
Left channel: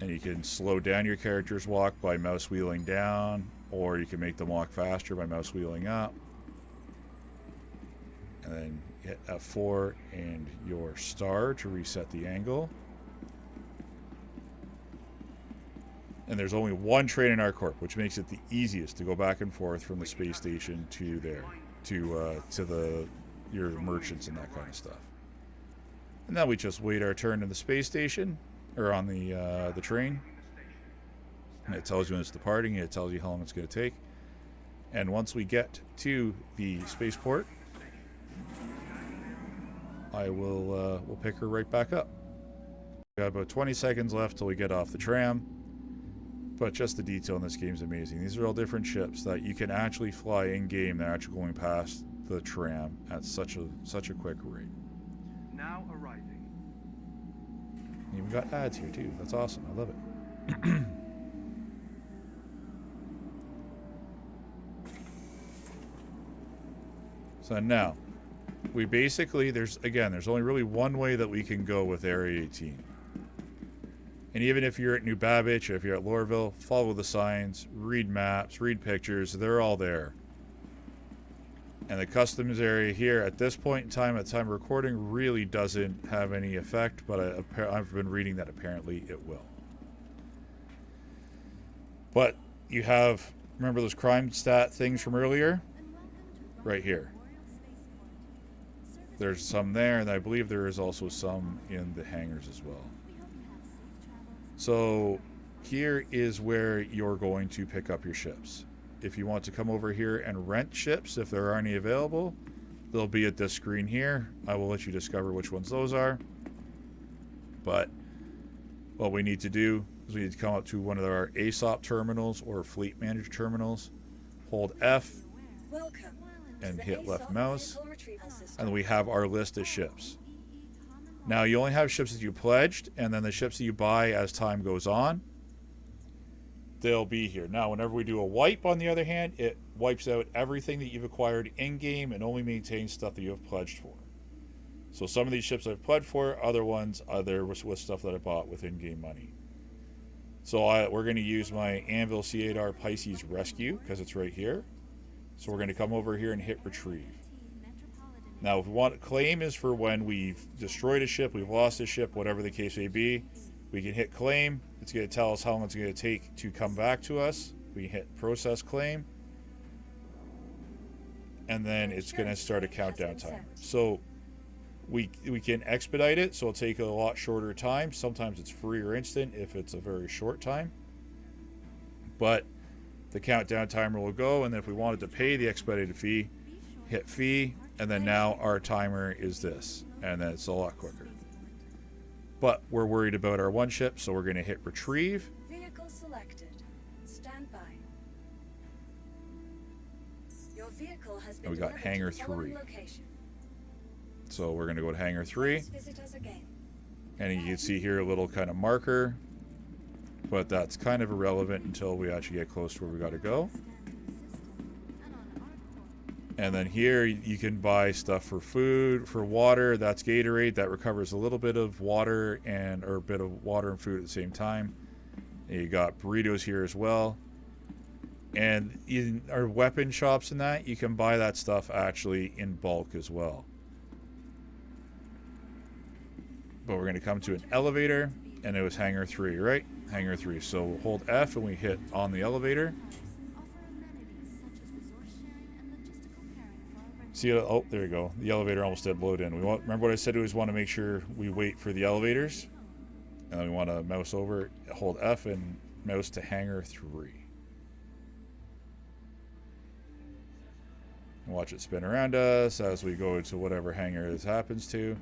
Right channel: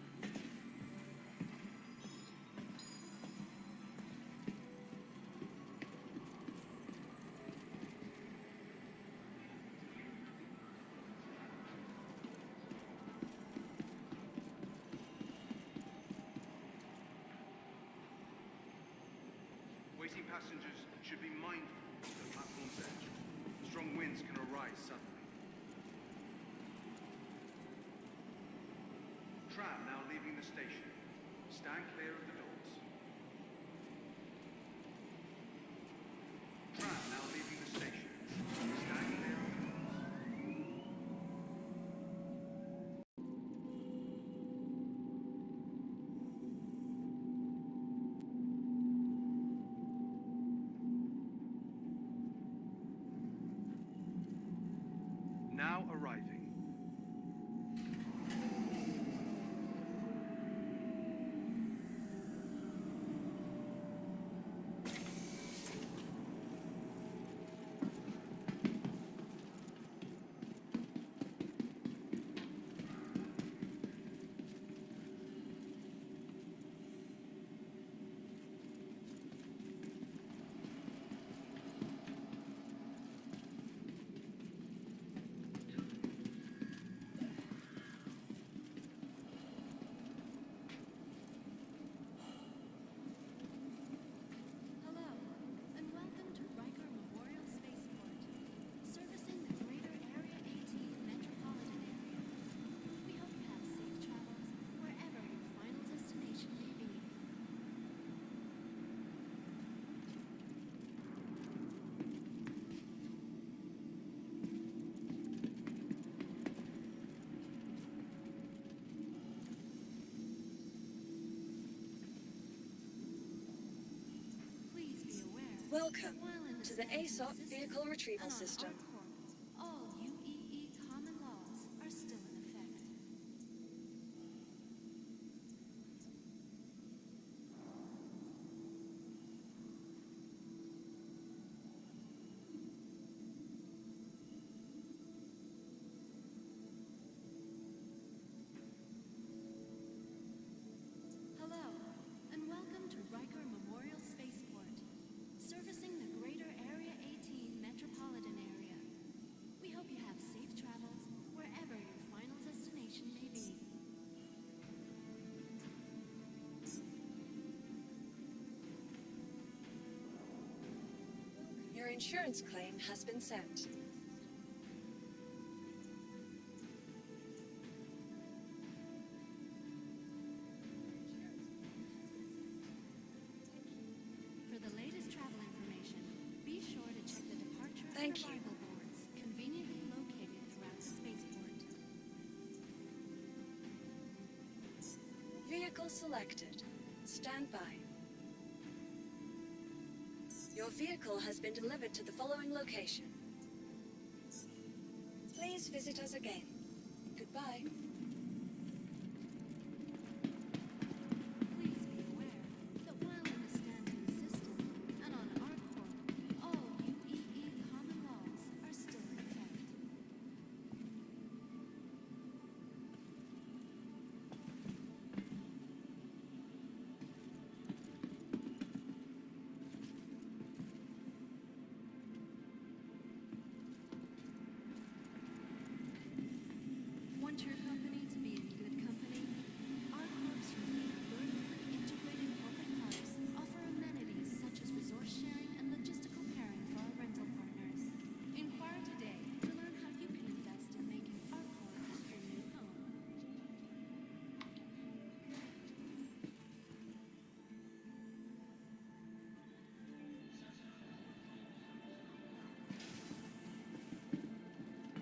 And you can slow down your character's walk by mouse wheeling down, or you can make them walk faster by mouse wheeling up. And then hit F4 and your star to reset the angle. And there's only one train in ArcCorp, which makes it the easiest to go back and forth from the space station to your merchants and that kind of stuff. And now we just wait our turn in the space station, or on the train. And it tells you when it's departing, and it tells you how long it's going to take. And once we get to the spaceport, I will we'll pick her right back up. We got about 20 seconds left till we get off the tram. But just the detail in this game is amazing. These are all different ships that you can actually fly in game. They're actually going past the tram at such a quick rate. Now arriving. And we've got ads here too. That's awesome. I love it. So now, we basically there's only really one way that we can go with Area 18. And even if you're at New Babbage, or if you're at Lorville, follow the signs, read maps, read pictures. They're all there. And the customs area here at this point in time, at the time of recording, really doesn't have any effect, but I've been reading that apparently it will. But you have, remember those crime stat things from earlier? Right here. There's some there, and I believe there is also some in the hangars as well. So here is where you're going to pick up your ships. If you want to come over here and rent ships, if there are any available, they'll be at this screen here. I will let you discover which ones those are. But what we need to do is we need to come up to one of our ASOP terminals or fleet manager terminals. hold F, Welcome to and the hit left ASOP mouse, vehicle retrieval system. and we have our list of ships. Now you only have ships that you pledged, and then the ships that you buy as time goes on, they'll be here. Now whenever we do a wipe, on the other hand, it wipes out everything that you've acquired in-game and only maintains stuff that you have pledged for. So some of these ships I've pledged for, other ones are with stuff that I bought with in-game money. So we're going to use my Anvil C8R Pisces Rescue because it's right here. So we're going to come over here and hit retrieve. Now if we want, claim is for when we've destroyed a ship, we've lost a ship, whatever the case may be. We can hit claim. It's going to tell us how long it's going to take to come back to us. We hit process claim. And then it's going to start a countdown time. So we can expedite it, so it'll take a lot shorter time. Sometimes it's free or instant if it's a very short time. But the countdown timer will go, and then if we wanted to pay the expedited fee, hit fee, and then now our timer is this, and then it's a lot quicker. But we're worried about our one ship, so we're going to hit retrieve. Vehicle selected. Stand by. Your vehicle has been we got delivered to hangar the following 3. location. So we're going to go to hangar 3, Please visit us again. and you can see here a little kind of marker, but that's kind of irrelevant until we actually get close to where we got to go. And then here you can buy stuff for food, for water. That's Gatorade. That recovers a little bit of water and food at the same time. And you got burritos here as well. And in our weapon shops and that, you can buy that stuff actually in bulk as well. But we're going to come to an elevator, and it was hangar 3, right? Hangar 3. So we'll hold F and we hit on the elevator. See, oh, there you go. The elevator almost did load in. Remember what I said? We always want to make sure we wait for the elevators. And then we want to mouse over, hold F, and mouse to hangar 3. Watch it spin around us as we go to whatever hangar this happens to.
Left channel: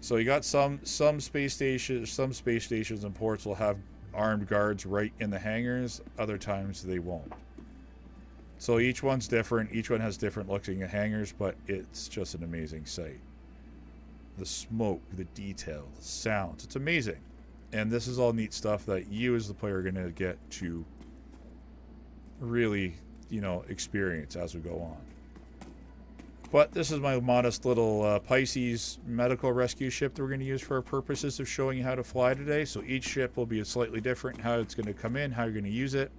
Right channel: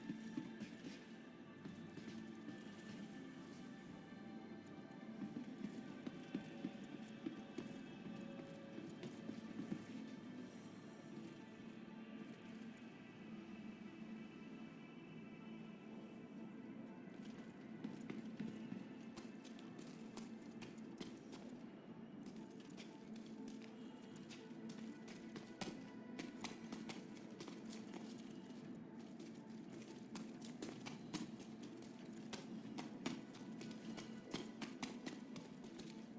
So you got some space stations and ports will have armed guards right in the hangars. Other times they won't. So each one's different. Each one has different looking hangars, but it's just an amazing sight. The smoke, the detail, the sounds. It's amazing. And this is all neat stuff that you as the player are going to get to really, experience as we go on. But this is my modest little Pisces medical rescue ship that we're going to use for our purposes of showing you how to fly today. So each ship will be slightly different, how it's going to come in, how you're going to use it.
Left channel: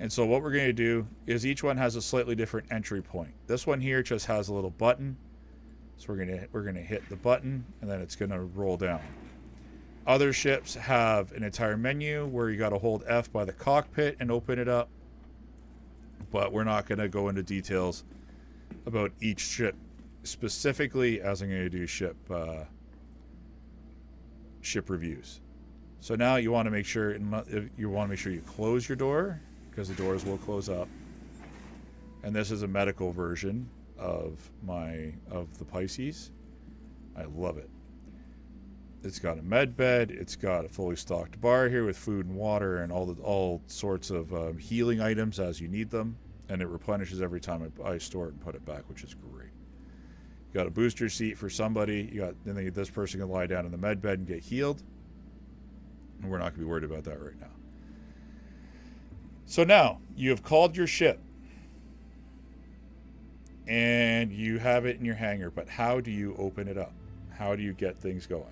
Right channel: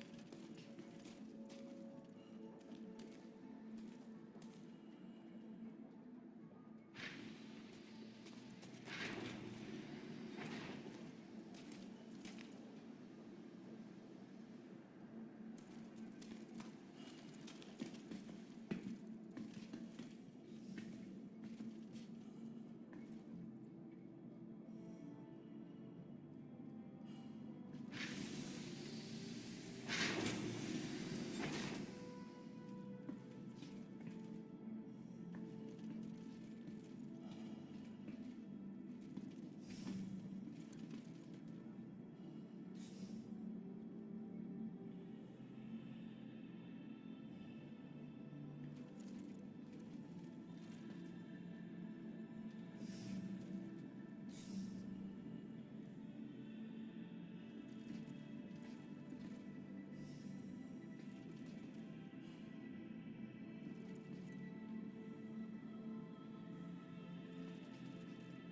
And so what we're going to do is each one has a slightly different entry point. This one here just has a little button. So we're going to hit the button, and then it's going to roll down. Other ships have an entire menu where you got to hold F by the cockpit and open it up. But we're not going to go into details about each ship specifically, as I'm going to do ship reviews. So now you want to make sure you close your door, because the doors will close up. And this is a medical version of the Pisces. I love it. It's got a med bed. It's got a fully stocked bar here with food and water and all sorts of healing items as you need them. And it replenishes every time I store it and put it back, which is great. You got a booster seat for somebody. Then this person can lie down in the med bed and get healed. And we're not going to be worried about that right now. So now you have called your ship. And you have it in your hangar. But how do you open it up? How do you get things going?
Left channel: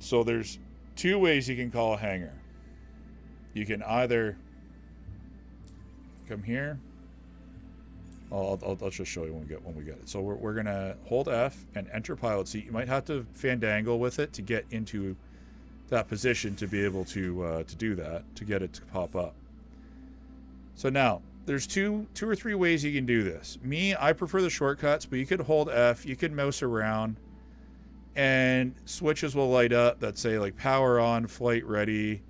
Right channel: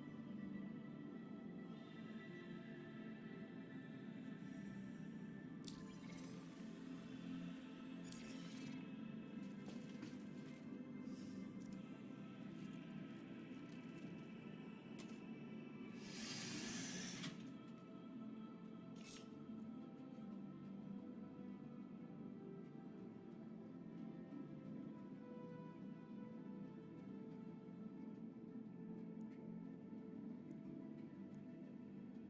So there's 2 ways you can call a hangar. You can either come here. I'll just show you when we get it. So we're gonna hold F and enter pilot seat. You might have to fandangle with it to get into that position to be able to do that, to get it to pop up. So now there's two or three ways you can do this. I prefer the shortcuts, but you could hold F, you could mouse around, and switches will light up that say like power on, flight ready,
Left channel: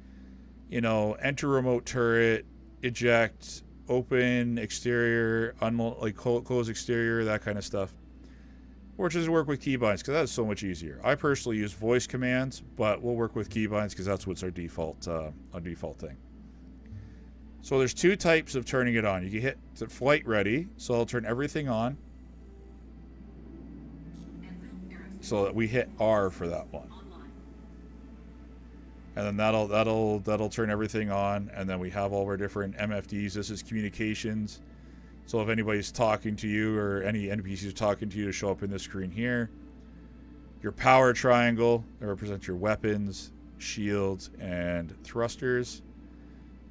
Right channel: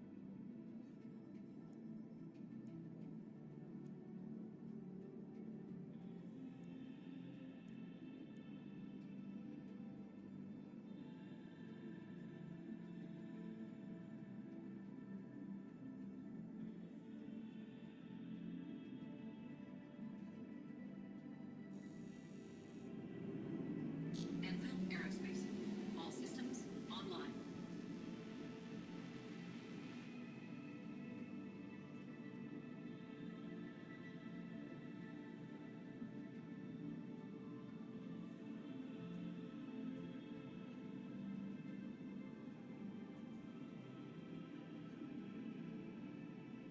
enter remote turret, eject, open exterior, close exterior, that kind of stuff. Or just work with keybinds, because that's so much easier. I personally use voice commands, but we'll work with keybinds because that's what's our default thing. So there's two types of turning it on. You can hit the flight ready, so I'll turn everything on. So that we hit R for that one. And then that'll turn everything on, and then we have all our different MFDs. This is communications. So if anybody's talking to you or any NPCs are talking to you, to show up in this screen here. Your power triangle that represents your weapons, shields, and thrusters.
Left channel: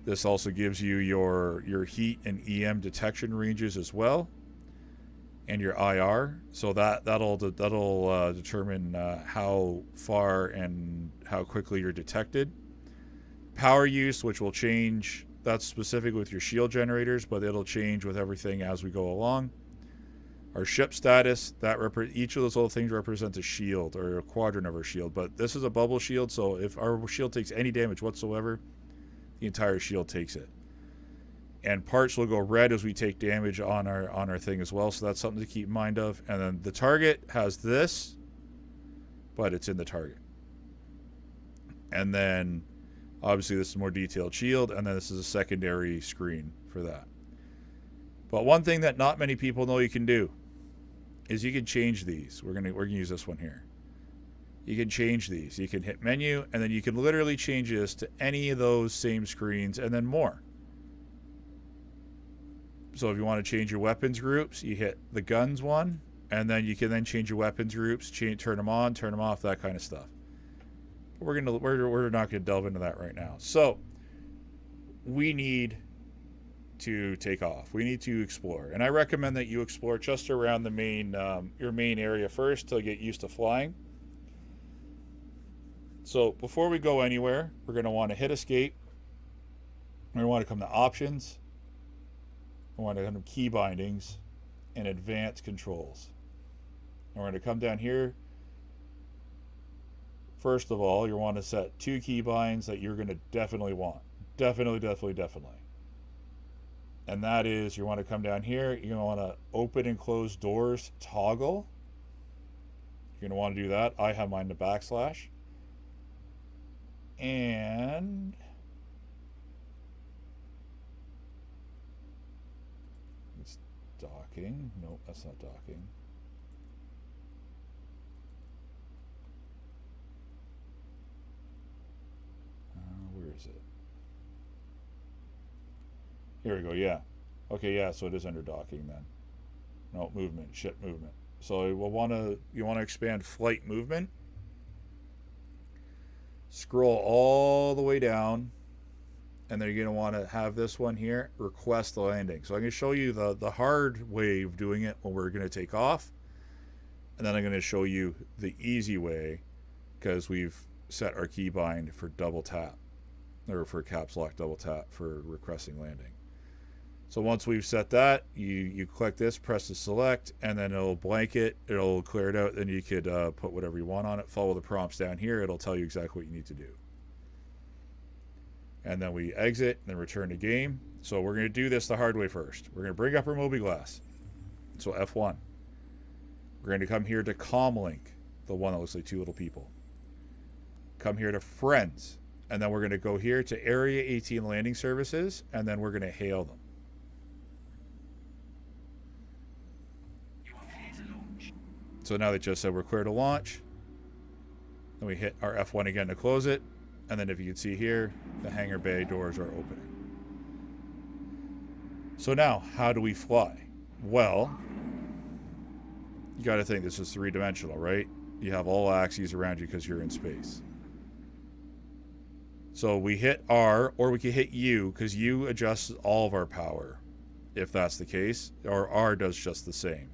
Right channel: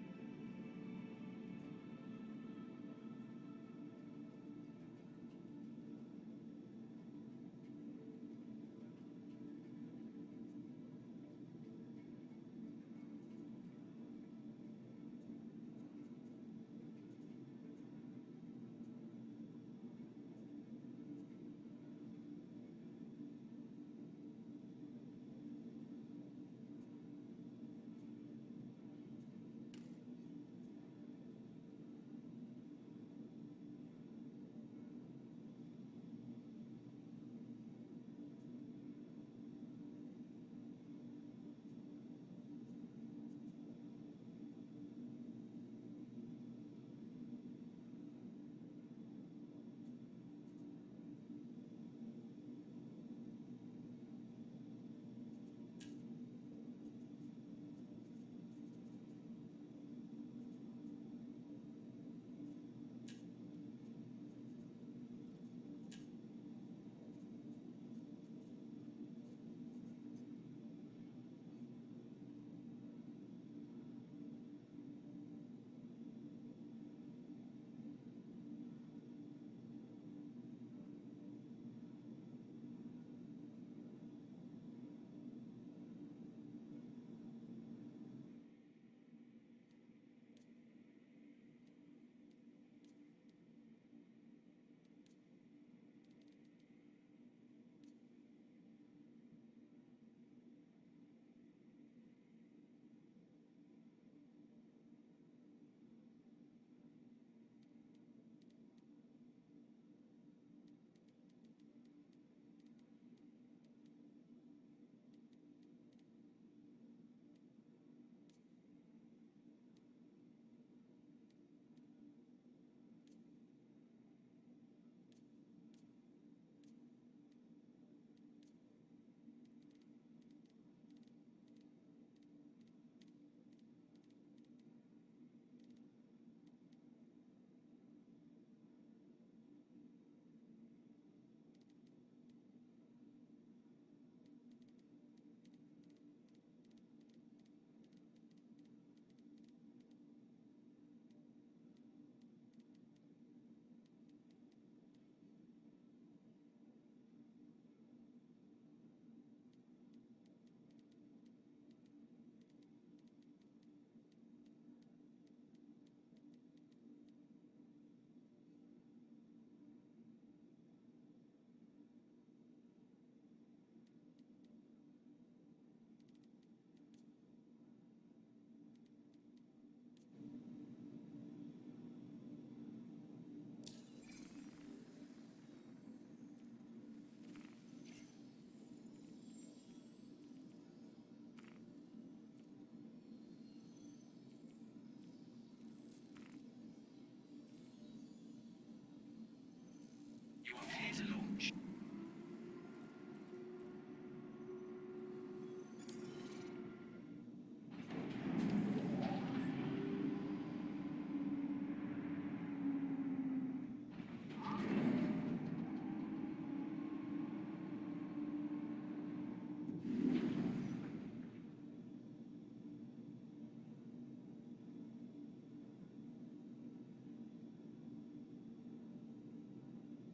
This also gives you your heat and EM detection ranges as well, and your IR. So that'll determine how far and how quickly you're detected. Power use, which will change. That's specific with your shield generators, but it'll change with everything as we go along. Our ship status, each of those little things represents a shield or a quadrant of our shield, but this is a bubble shield, so if our shield takes any damage whatsoever, the entire shield takes it. And parts will go red as we take damage on our thing as well, so that's something to keep in mind of. And then the target has this, but it's in the target. And then obviously this is a more detailed shield, and then this is a secondary screen for that. But one thing that not many people know you can do is you can change these. We're gonna use this one here. You can change these. You can hit menu, and then you can literally change this to any of those same screens and then more. So if you want to change your weapons groups, you hit the guns one, and then you can then change your weapons groups, turn them on, turn them off, that kind of stuff. But we're not gonna delve into that right now. So we need to take off. We need to explore, and I recommend that you explore just around the main your main area first to get used to flying. So before we go anywhere, we're going to want to hit escape. We're going to want to come to options. We want to come to key bindings and advanced controls. And we're going to come down here. First of all, you want to set 2 key binds that you're going to definitely want. Definitely. And that is, you want to come down here. You're going to want to open and close doors toggle. You're going to want to do that. I have mine to \. And it's docking. Nope, that's not docking. Where is it? Here we go. Yeah. Okay. Yeah. So it is under docking then. No, movement. Ship movement. So you want to expand flight movement. Scroll all the way down, and then you're going to want to have this one here, request the landing. So I'm going to show you the hard way of doing it when we're going to take off, and then I'm going to show you the easy way, because we've set our keybind for double tap, or for caps lock double tap for requesting landing. So once we've set that, you click this, press the select, and then it'll blanket, it'll clear it out, then you could put whatever you want on it, follow the prompts down here, it'll tell you exactly what you need to do. And then we exit, and then return to game. So we're going to do this the hard way first. We're going to bring up our Mobiglass. So F1. We're going to come here to Comlink, the one that looks like 2 little people. Come here to Friends, and then we're going to go here to Area 18 Landing Services, and then we're going to hail them. So now they just said we're clear to launch. Then we hit our F1 again to close it. And then if you can see here, the hangar bay doors are open. So now, how do we fly? Well, you got to think this is 3-dimensional, right? You have all axes around you because you're in space. So we hit R, or we can hit U, because U adjusts all of our power, if that's the case, or R does just the same.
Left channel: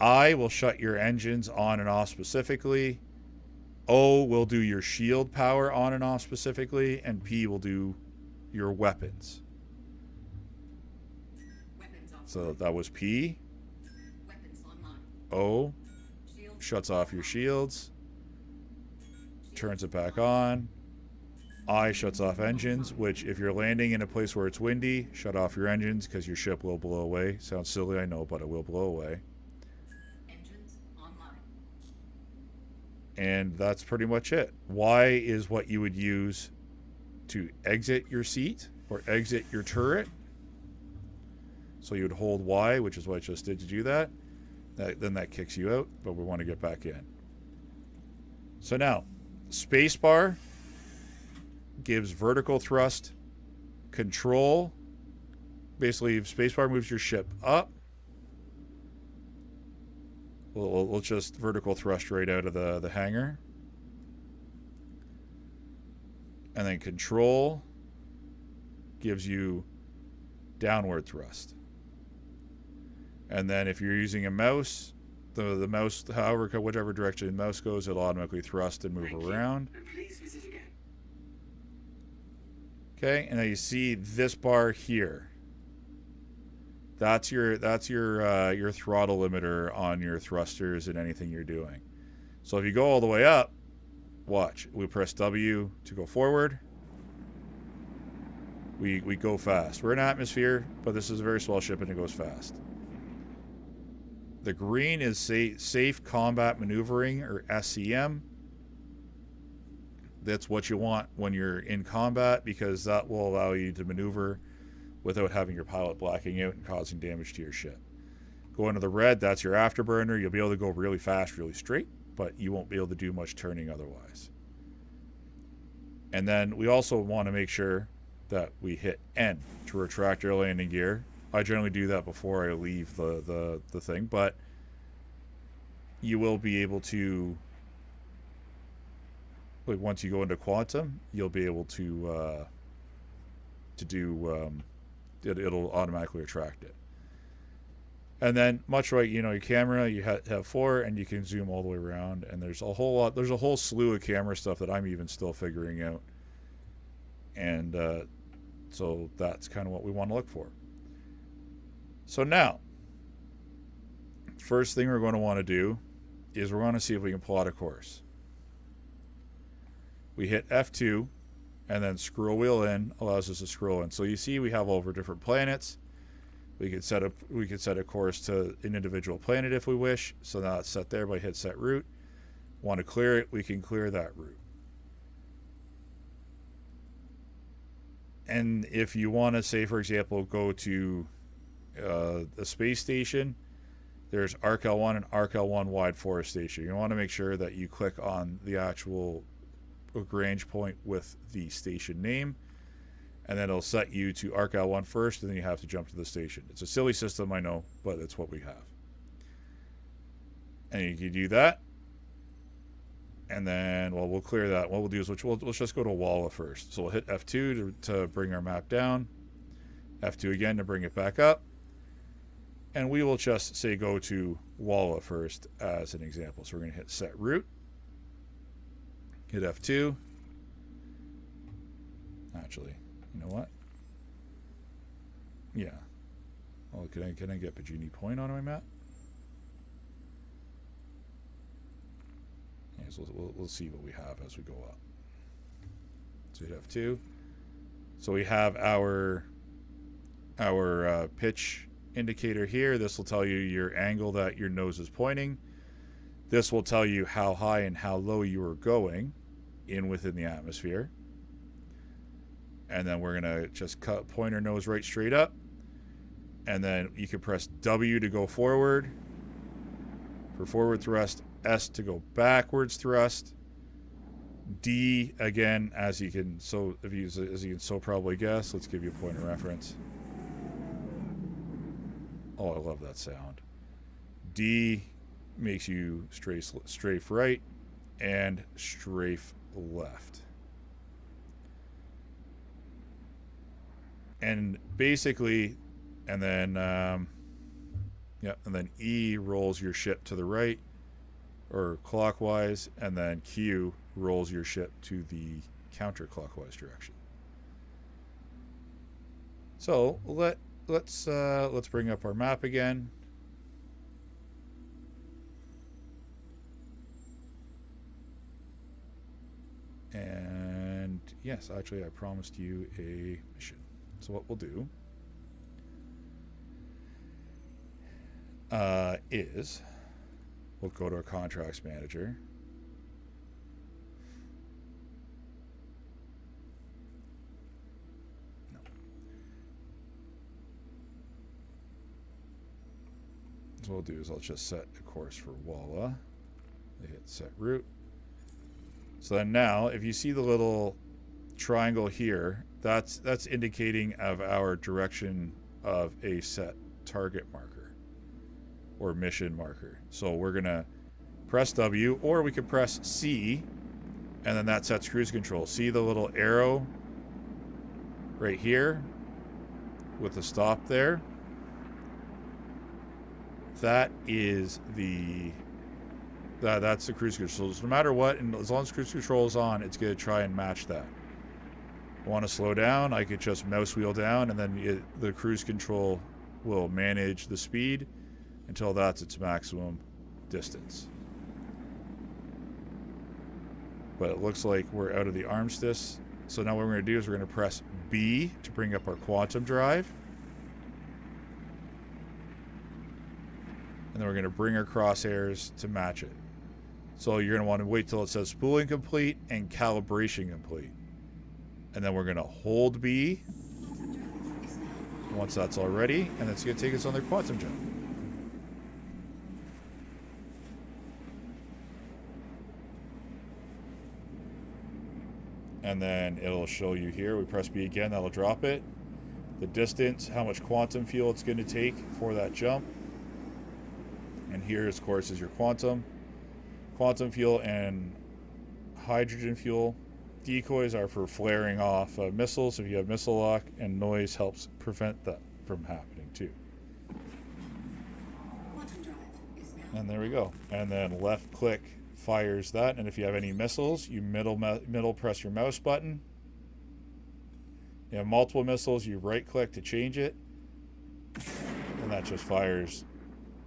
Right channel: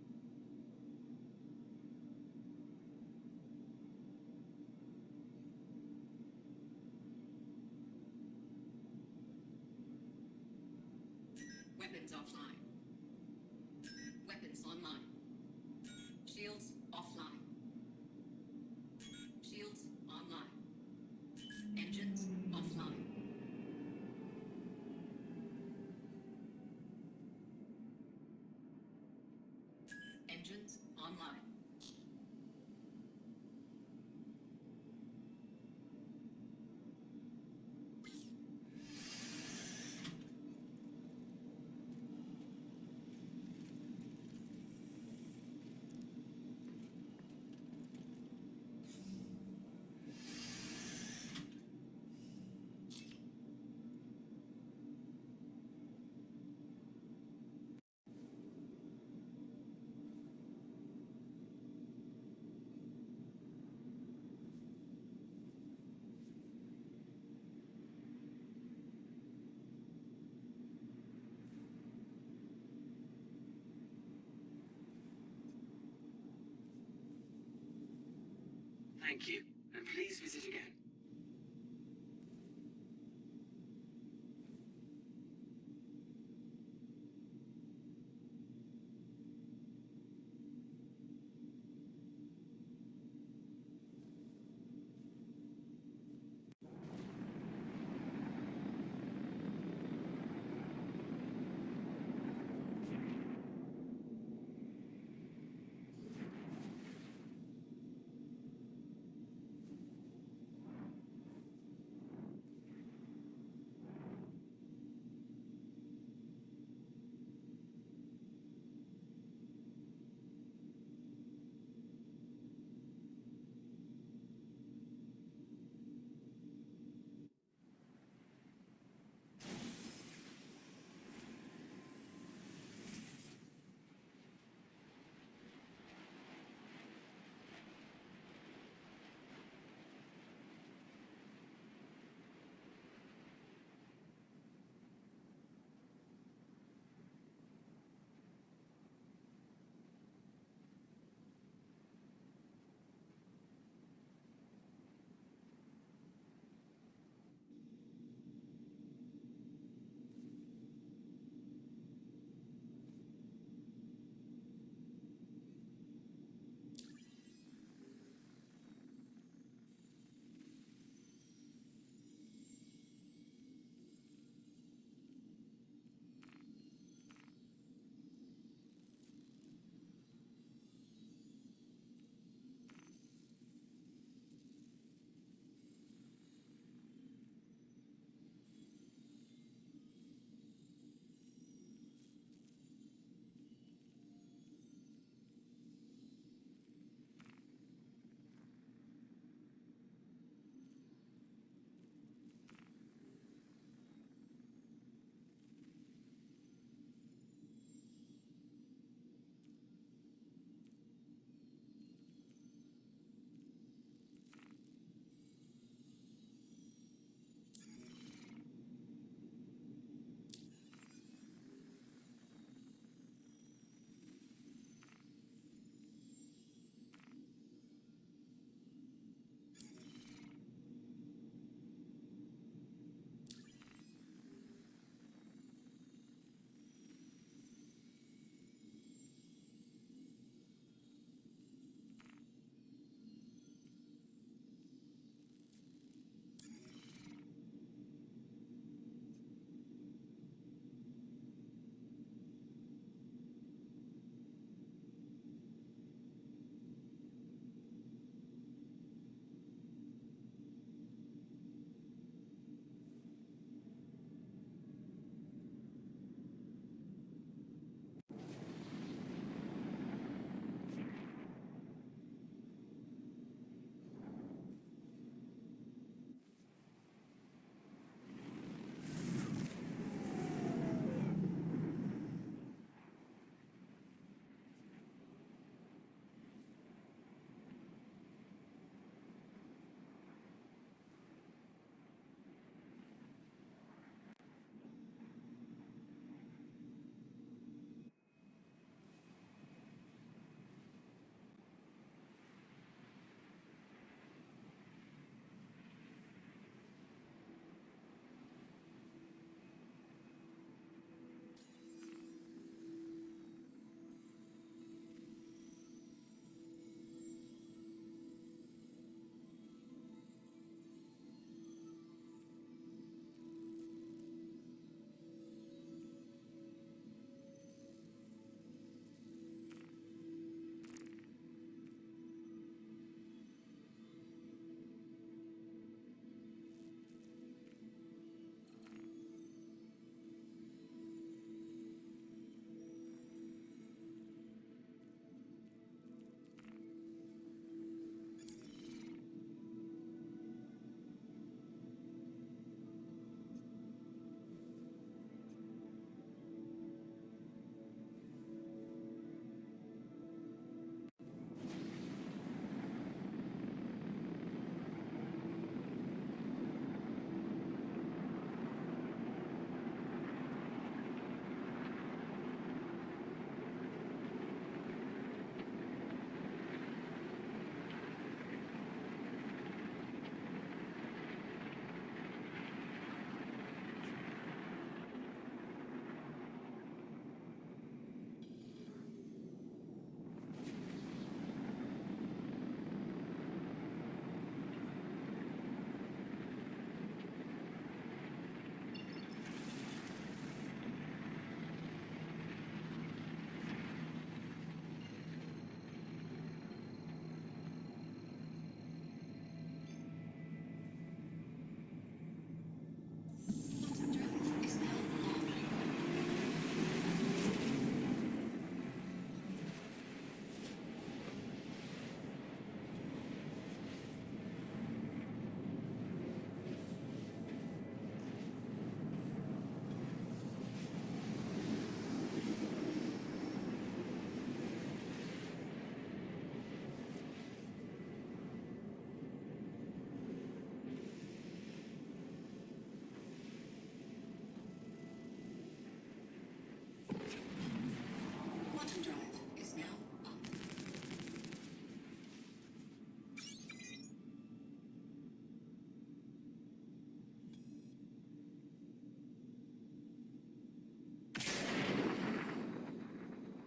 I will shut your engines on and off specifically. O will do your shield power on and off specifically, and P will do your weapons. So that was P. O shuts off your shields, turns it back on. I shuts off engines, which if you're landing in a place where it's windy, shut off your engines because your ship will blow away. Sounds silly, I know, but it will blow away. And that's pretty much it. Y is what you would use to exit your seat. or exit your turret. So you would hold Y, which is what I just did to do that. Then that kicks you out, but we want to get back in. So now, spacebar gives vertical thrust, control. Basically, if spacebar moves your ship up, we'll just vertical thrust right out of the hangar. And then control gives you downward thrust. And then if you're using a mouse, the mouse, however, whichever direction the mouse goes, it'll automatically thrust and move around. And please visit again. Okay, and now you see this bar here. That's your throttle limiter on your thrusters and anything you're doing. So if you go all the way up, watch. We press W to go forward. We go fast. We're in atmosphere, but this is a very small ship and it goes fast. The green is safe combat maneuvering, or SCM. That's what you want when you're in combat, because that will allow you to maneuver without having your pilot blacking out and causing damage to your ship. Going to the red, that's your afterburner. You'll be able to go really fast, really straight, but you won't be able to do much turning otherwise. And then we also want to make sure that we hit N to retract our landing gear. I generally do that before I leave the thing, but you will be able to, like, once you go into quantum, you'll be able to do it'll automatically retract it. And then, much like, you know, your camera, you have 4, and you can zoom all the way around. And there's a whole slew of camera stuff that I'm even still figuring out. And so that's kind of what we want to look for. So now, first thing we're going to want to do is we're going to see if we can plot a course. We hit F2, and then scroll wheel in allows us to scroll in. So you see we have all of our different planets. We could set a course to an individual planet if we wish. So now it's set there by hit set route. Want to clear it, we can clear that route. And if you want to, say, for example, go to the space station, there's ARC-L1 and ARC-L1 wide forest station. You want to make sure that you click on the actual Lagrange point with the station name, and then it'll set you to ARC-L1 first, and then you have to jump to the station. It's a silly system, I know, but it's what we have. And you can do that, and then, well, we'll clear that. What we'll do is let's just go to Walla first. So we'll hit F2 to bring our map down, F2 again to bring it back up, and we will just say go to Walla first as an example. So we're going to hit set route, hit F2. Actually, you know what? Yeah. Oh, can I get Bajini Point on my map? Yeah, so we'll see what we have as we go up. So hit F2. So we have our pitch indicator here. This will tell you your angle that your nose is pointing. This will tell you how high and how low you are going within the atmosphere. And then we're going to just point our nose right straight up. And then you can press W to go forward for forward thrust, S to go backwards thrust, D again, as you can probably guess. Let's give you a point of reference. Oh, I love that sound. D makes you strafe right and strafe left. And basically, and then and then E rolls your ship to the right or clockwise, and then Q rolls your ship to the counterclockwise direction. So let's bring up our map again. And yes, actually I promised you a mission. So what we'll do is we'll go to our contracts manager. No. So what we'll do is I'll just set a course for Walla. I hit set route. So then now, if you see the little triangle here, that's indicating of our direction of a set target marker or mission marker. So we're gonna press W, or we could press C, and then that sets cruise control. See the little arrow right here with the stop there? That is that's the cruise control. So no matter what, and as long as cruise control is on, it's going to try and match that. I want to slow down, I could just mouse wheel down, and then the cruise control will manage the speed until that's its maximum distance. But it looks like we're out of the armistice. So now what we're going to do is we're going to press B to bring up our quantum drive. And then we're going to bring our crosshairs to match it. So you're going to want to wait till it says spooling complete and calibration complete. And then we're going to hold B once that's all ready, and it's going to take us on the quantum jump. And then it'll show you here. We press B again, that'll drop it. The distance, how much quantum fuel it's going to take for that jump. And here, of course, is your quantum fuel and hydrogen fuel. Decoys are for flaring off missiles if you have missile lock, and noise helps prevent that from happening too. And there we go. And then left click fires that, and if you have any missiles, you middle press your mouse button. You have multiple missiles, you right click to change it, and that just fires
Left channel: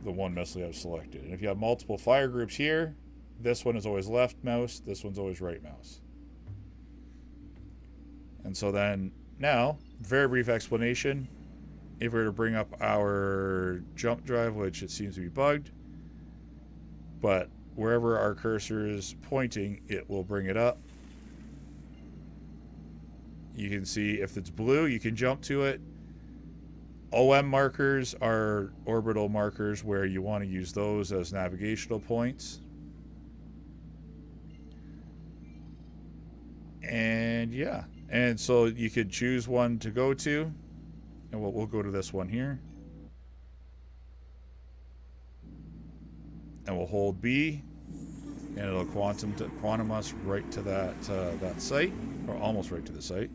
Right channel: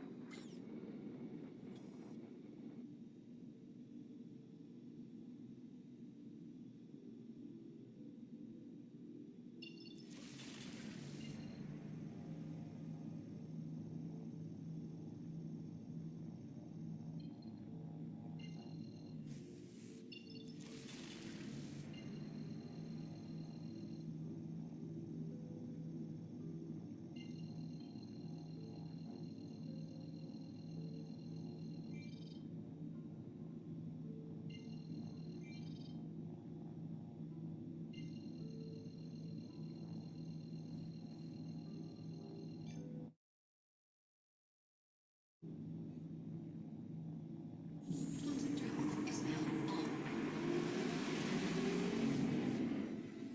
the one missile you have selected. And if you have multiple fire groups here, this one is always left mouse, this one's always right mouse. And so then now, very brief explanation. If we were to bring up our jump drive, which it seems to be bugged, but wherever our cursor is pointing, it will bring it up. You can see if it's blue, you can jump to it. OM markers are orbital markers where you want to use those as navigational points. And yeah, and so you could choose one to go to, and we'll go to this one here. And we'll hold B, and it'll quantum us right to that site, or almost right to the site.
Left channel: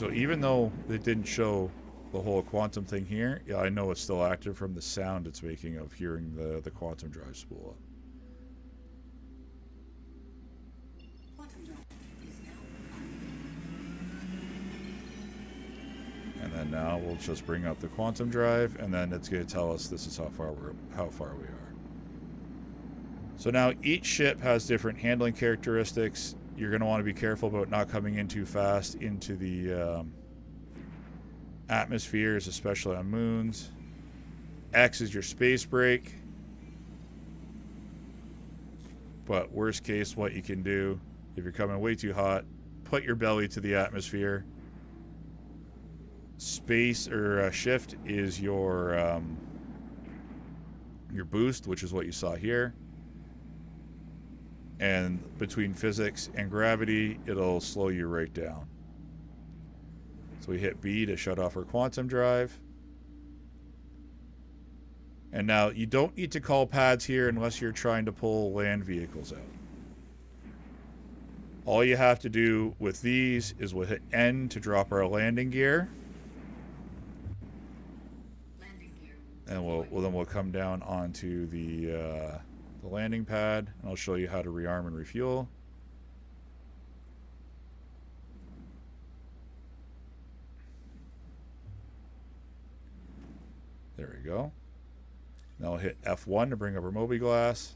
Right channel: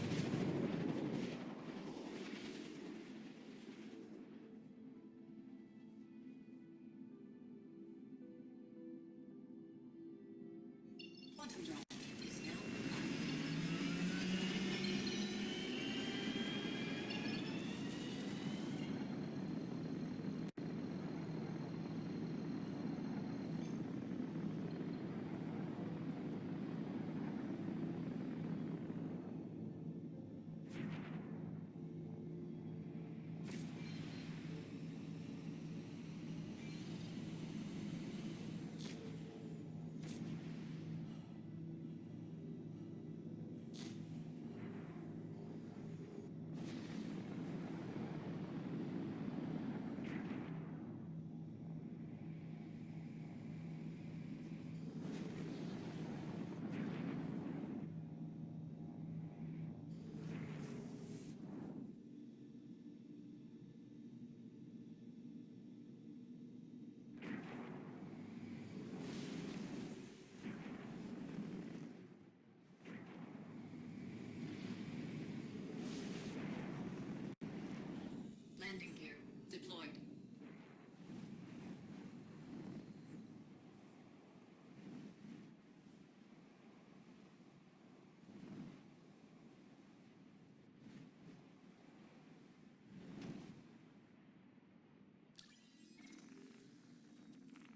So even though it didn't show the whole quantum thing here, yeah, I know it's still active from the sound it's making of hearing the quantum drive spool up. And then now we'll just bring up the quantum drive, and then it's going to tell us this is how far we are. So now each ship has different handling characteristics. You're going to want to be careful about not coming in too fast into the atmospheres, especially on moons. X is your space brake. But worst case, what you can do, if you're coming way too hot, put your belly to the atmosphere. Space or shift is your boost, which is what you saw here. And between physics and gravity, it'll slow you right down. So we hit B to shut off our quantum drive. And now you don't need to call pads here unless you're trying to pull land vehicles in. All you have to do with these is we'll hit N to drop our landing gear. And we'll come down onto the landing pad, and I'll show you how to rearm and refuel. There we go. Now I'll hit F1 to bring up our Mobiglass.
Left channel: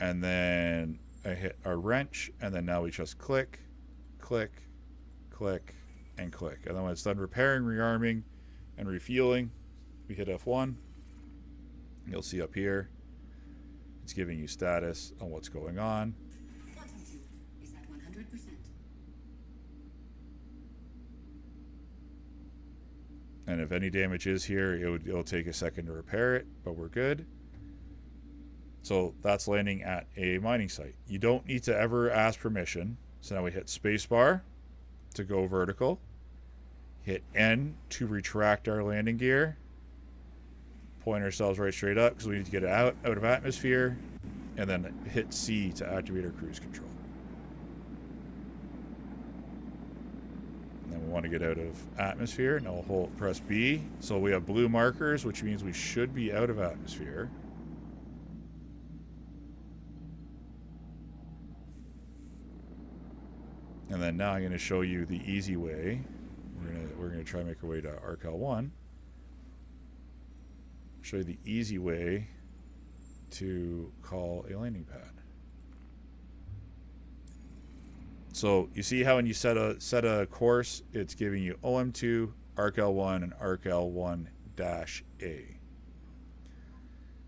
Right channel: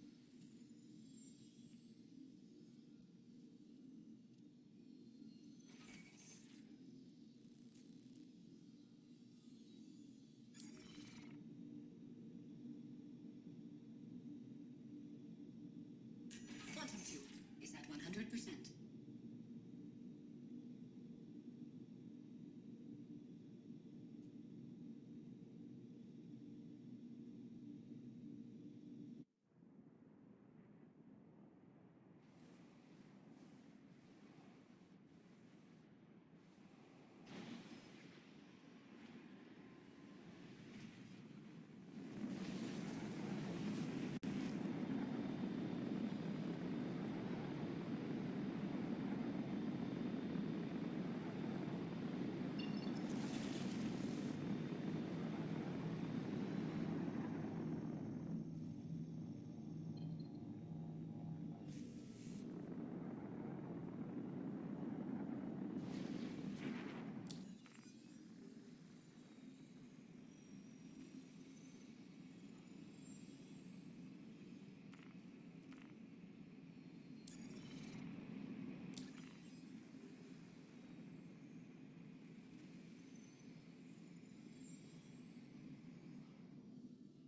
And then I hit our wrench, and then now we just click, click, click, and click. And then when it's done repairing, rearming, and refueling, we hit F1. You'll see up here, it's giving you status on what's going on. Quantum fuel is at 100%. And if any damage is here, it'll take a second to repair it, but we're good. So that's landing at a mining site. You don't need to ever ask permission. So now we hit spacebar to go vertical. Hit N to retract our landing gear. Point ourselves right straight up because we need to get it out of atmosphere. And then hit C to activate our cruise control. Want to get out of atmosphere. Now we'll press B. So we have blue markers, which means we should be out of atmosphere. And then now I'm going to show you the easy way. We're going to try and make our way to ARC-L1. Show you the easy way to call a landing pad. So you see how when you set a course, it's giving you OM2, ARC-L1, and ARC-L1-A.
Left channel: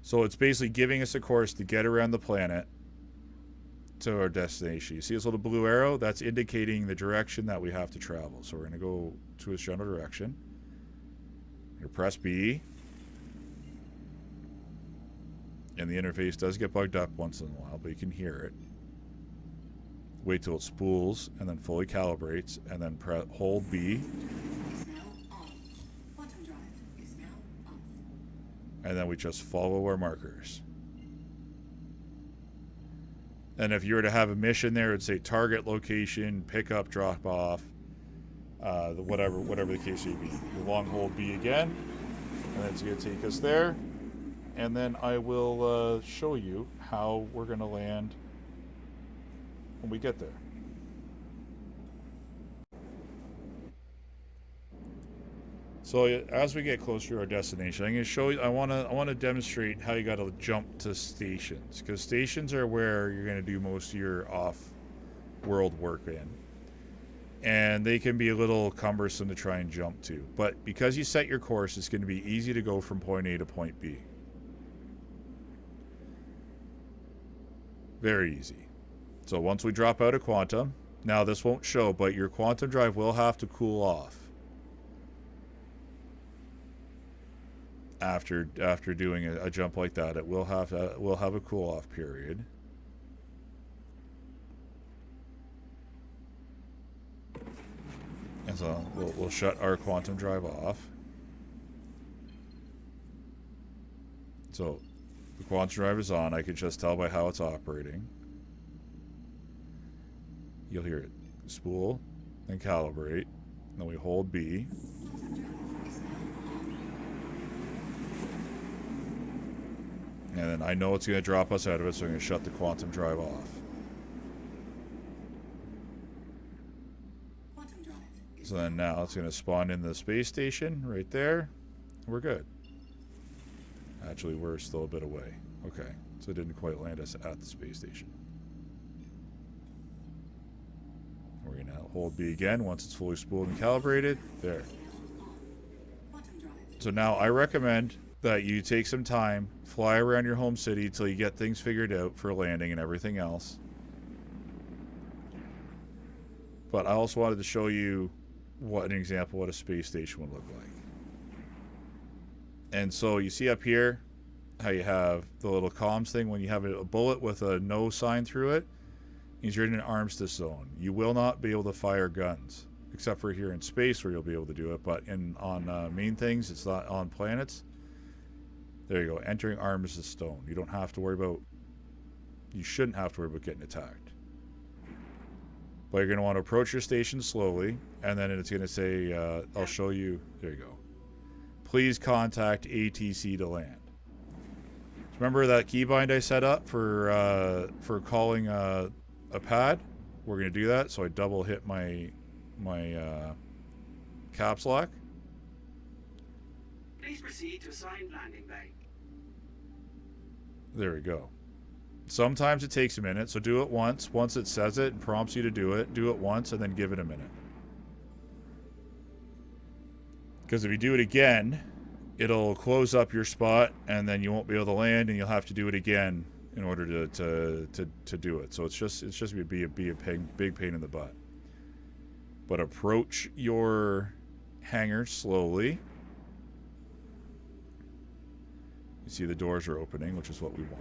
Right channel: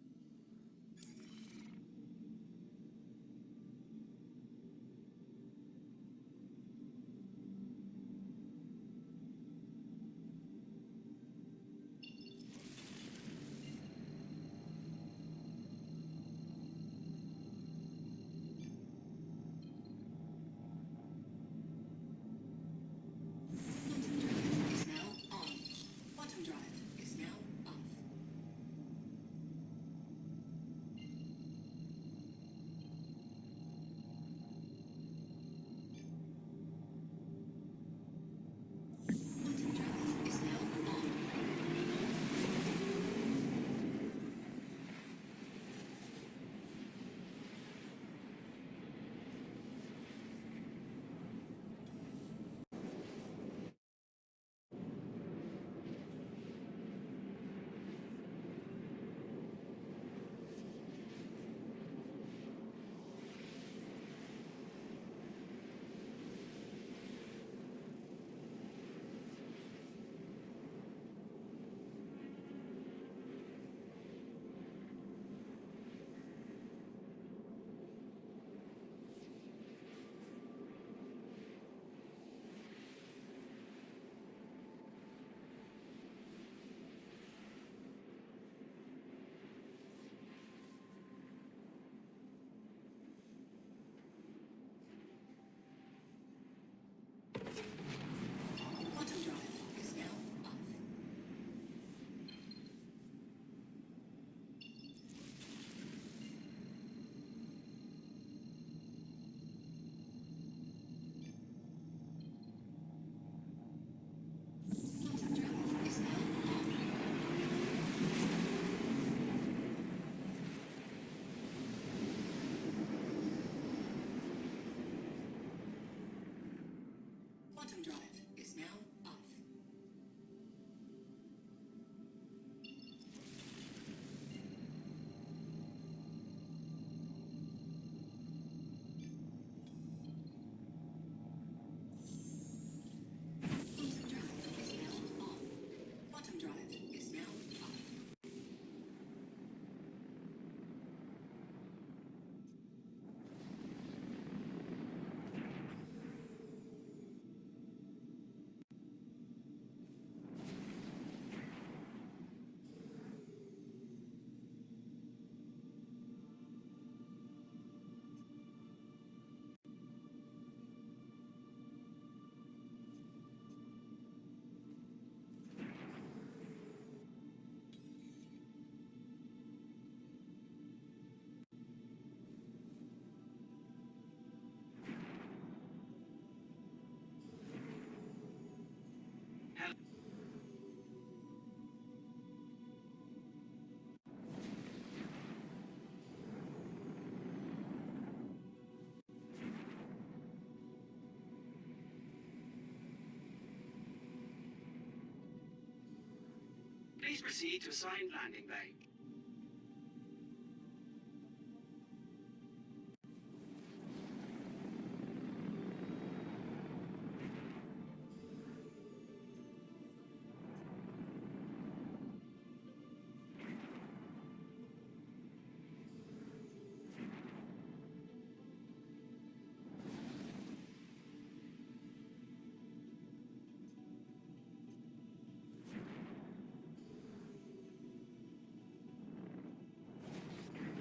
So it's basically giving us a course to get around the planet to our destination. You see this little blue arrow? That's indicating the direction that we have to travel. So we're going to go to its general direction. You press B. And the interface does get bugged up once in a while, but you can hear it. Wait till it spools and then fully calibrates, and then hold B. And then we just follow our markers. And if you were to have a mission there, it'd say target location, pick up, drop off, whatever the case would be. Long hold B again, and it's going to take us there. And then I will show you how we're going to land when we get there. So as we get closer to our destination, I'm going to show you. I want to demonstrate how you got to jump to stations, because stations are where you're going to do most of your off-world work in, and they can be a little cumbersome to try and jump to. But because you set your course, it's going to be easy to go from point A to point B. Very easy. So once we drop out of quantum, now this won't show, but your quantum drive will have to cool off after doing a jump like that. It will have a cool off period. And so we'll shut our quantum drive off. So the quantum drive is on. I can just tell by how it's operating. You'll hear it spool and calibrate. Then we hold B. And then I know it's going to drop us out of it, so I'm going to shut the quantum drive off. So then now it's going to spawn in the space station right there. We're good. Actually, we're still a bit away. Okay, so it didn't quite land us at the space station. We're going to hold B again once it's fully spooled and calibrated. There. So now I recommend that you take some time, fly around your home city till you get things figured out for landing and everything else. But I also wanted to show you what a space station would look like. And so you see up here how you have the little comms thing. When you have a bullet with a no sign through it, means you're in an armistice zone. You will not be able to fire guns, except for here in space where you'll be able to do it. But on main things, it's not on planets. There you go. Entering armistice zone. You don't have to worry about. You shouldn't have to worry about getting attacked. But you're going to want to approach your station slowly, and then it's going to say, I'll show you. There you go. Please contact ATC to land. Remember that keybind I set up for calling a pad? We're going to do that. So I double hit my caps lock. Please proceed to assigned landing bay. There we go. Sometimes it takes a minute, so do it once. Once it says it and prompts you to do it once and then give it a minute. Because if you do it again, it'll close up your spot and then you won't be able to land, and you'll have to do it again in order to do it. So it's just be a big pain in the butt. But approach your hangar slowly. You see the doors are opening, which is what we want.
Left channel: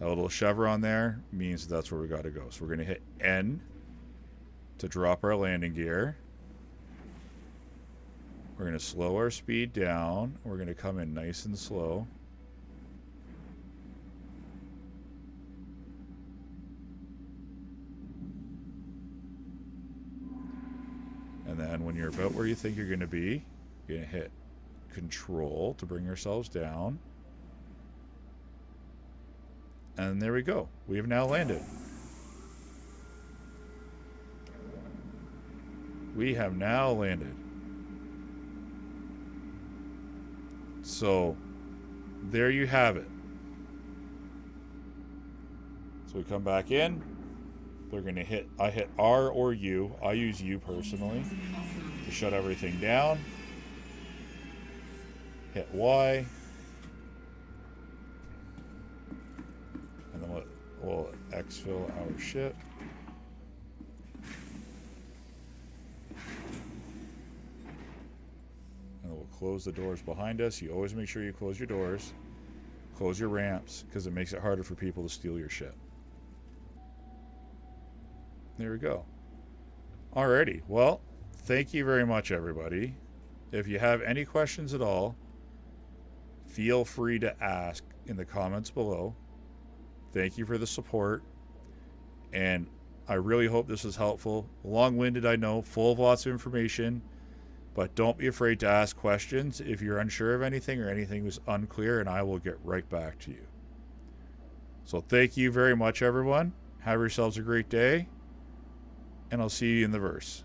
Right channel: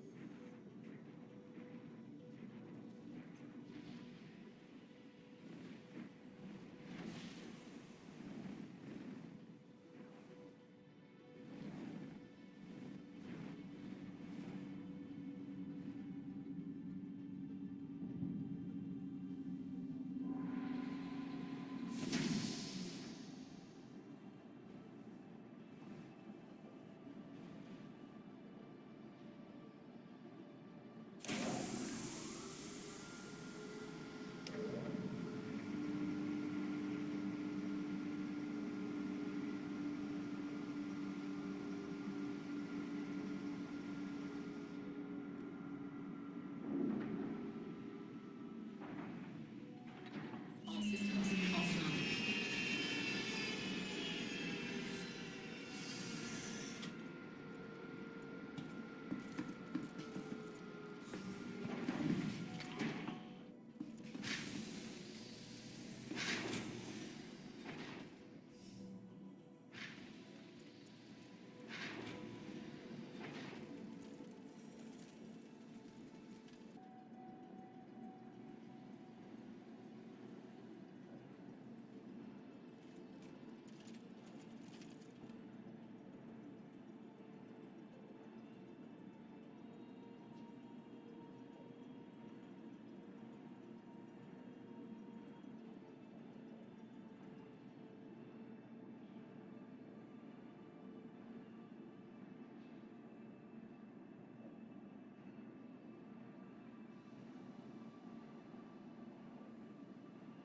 That little chevron there means that's where we got to go. So we're going to hit N to drop our landing gear. We're going to slow our speed down. We're going to come in nice and slow. And then when you're about where you think you're going to be, you're going to hit Control to bring yourselves down. And there we go. We have now landed. We have now landed. So, there you have it. So we come back in. We're going to hit, I hit R or U. I use U personally. Shut everything down. Hit Y. And then we'll exfil our ship. And we'll close the doors behind us. You always make sure you close your doors. Close your ramps, because it makes it harder for people to steal your ship. There we go. Alrighty. Well, thank you very much, everybody. If you have any questions at all, feel free to ask in the comments below. Thank you for the support. And I really hope this was helpful. Long-winded, I know, full of lots of information. But don't be afraid to ask questions if you're unsure of anything or anything was unclear, and I will get right back to you. So thank you very much, everyone. Have yourselves a great day. And I'll see you in the verse.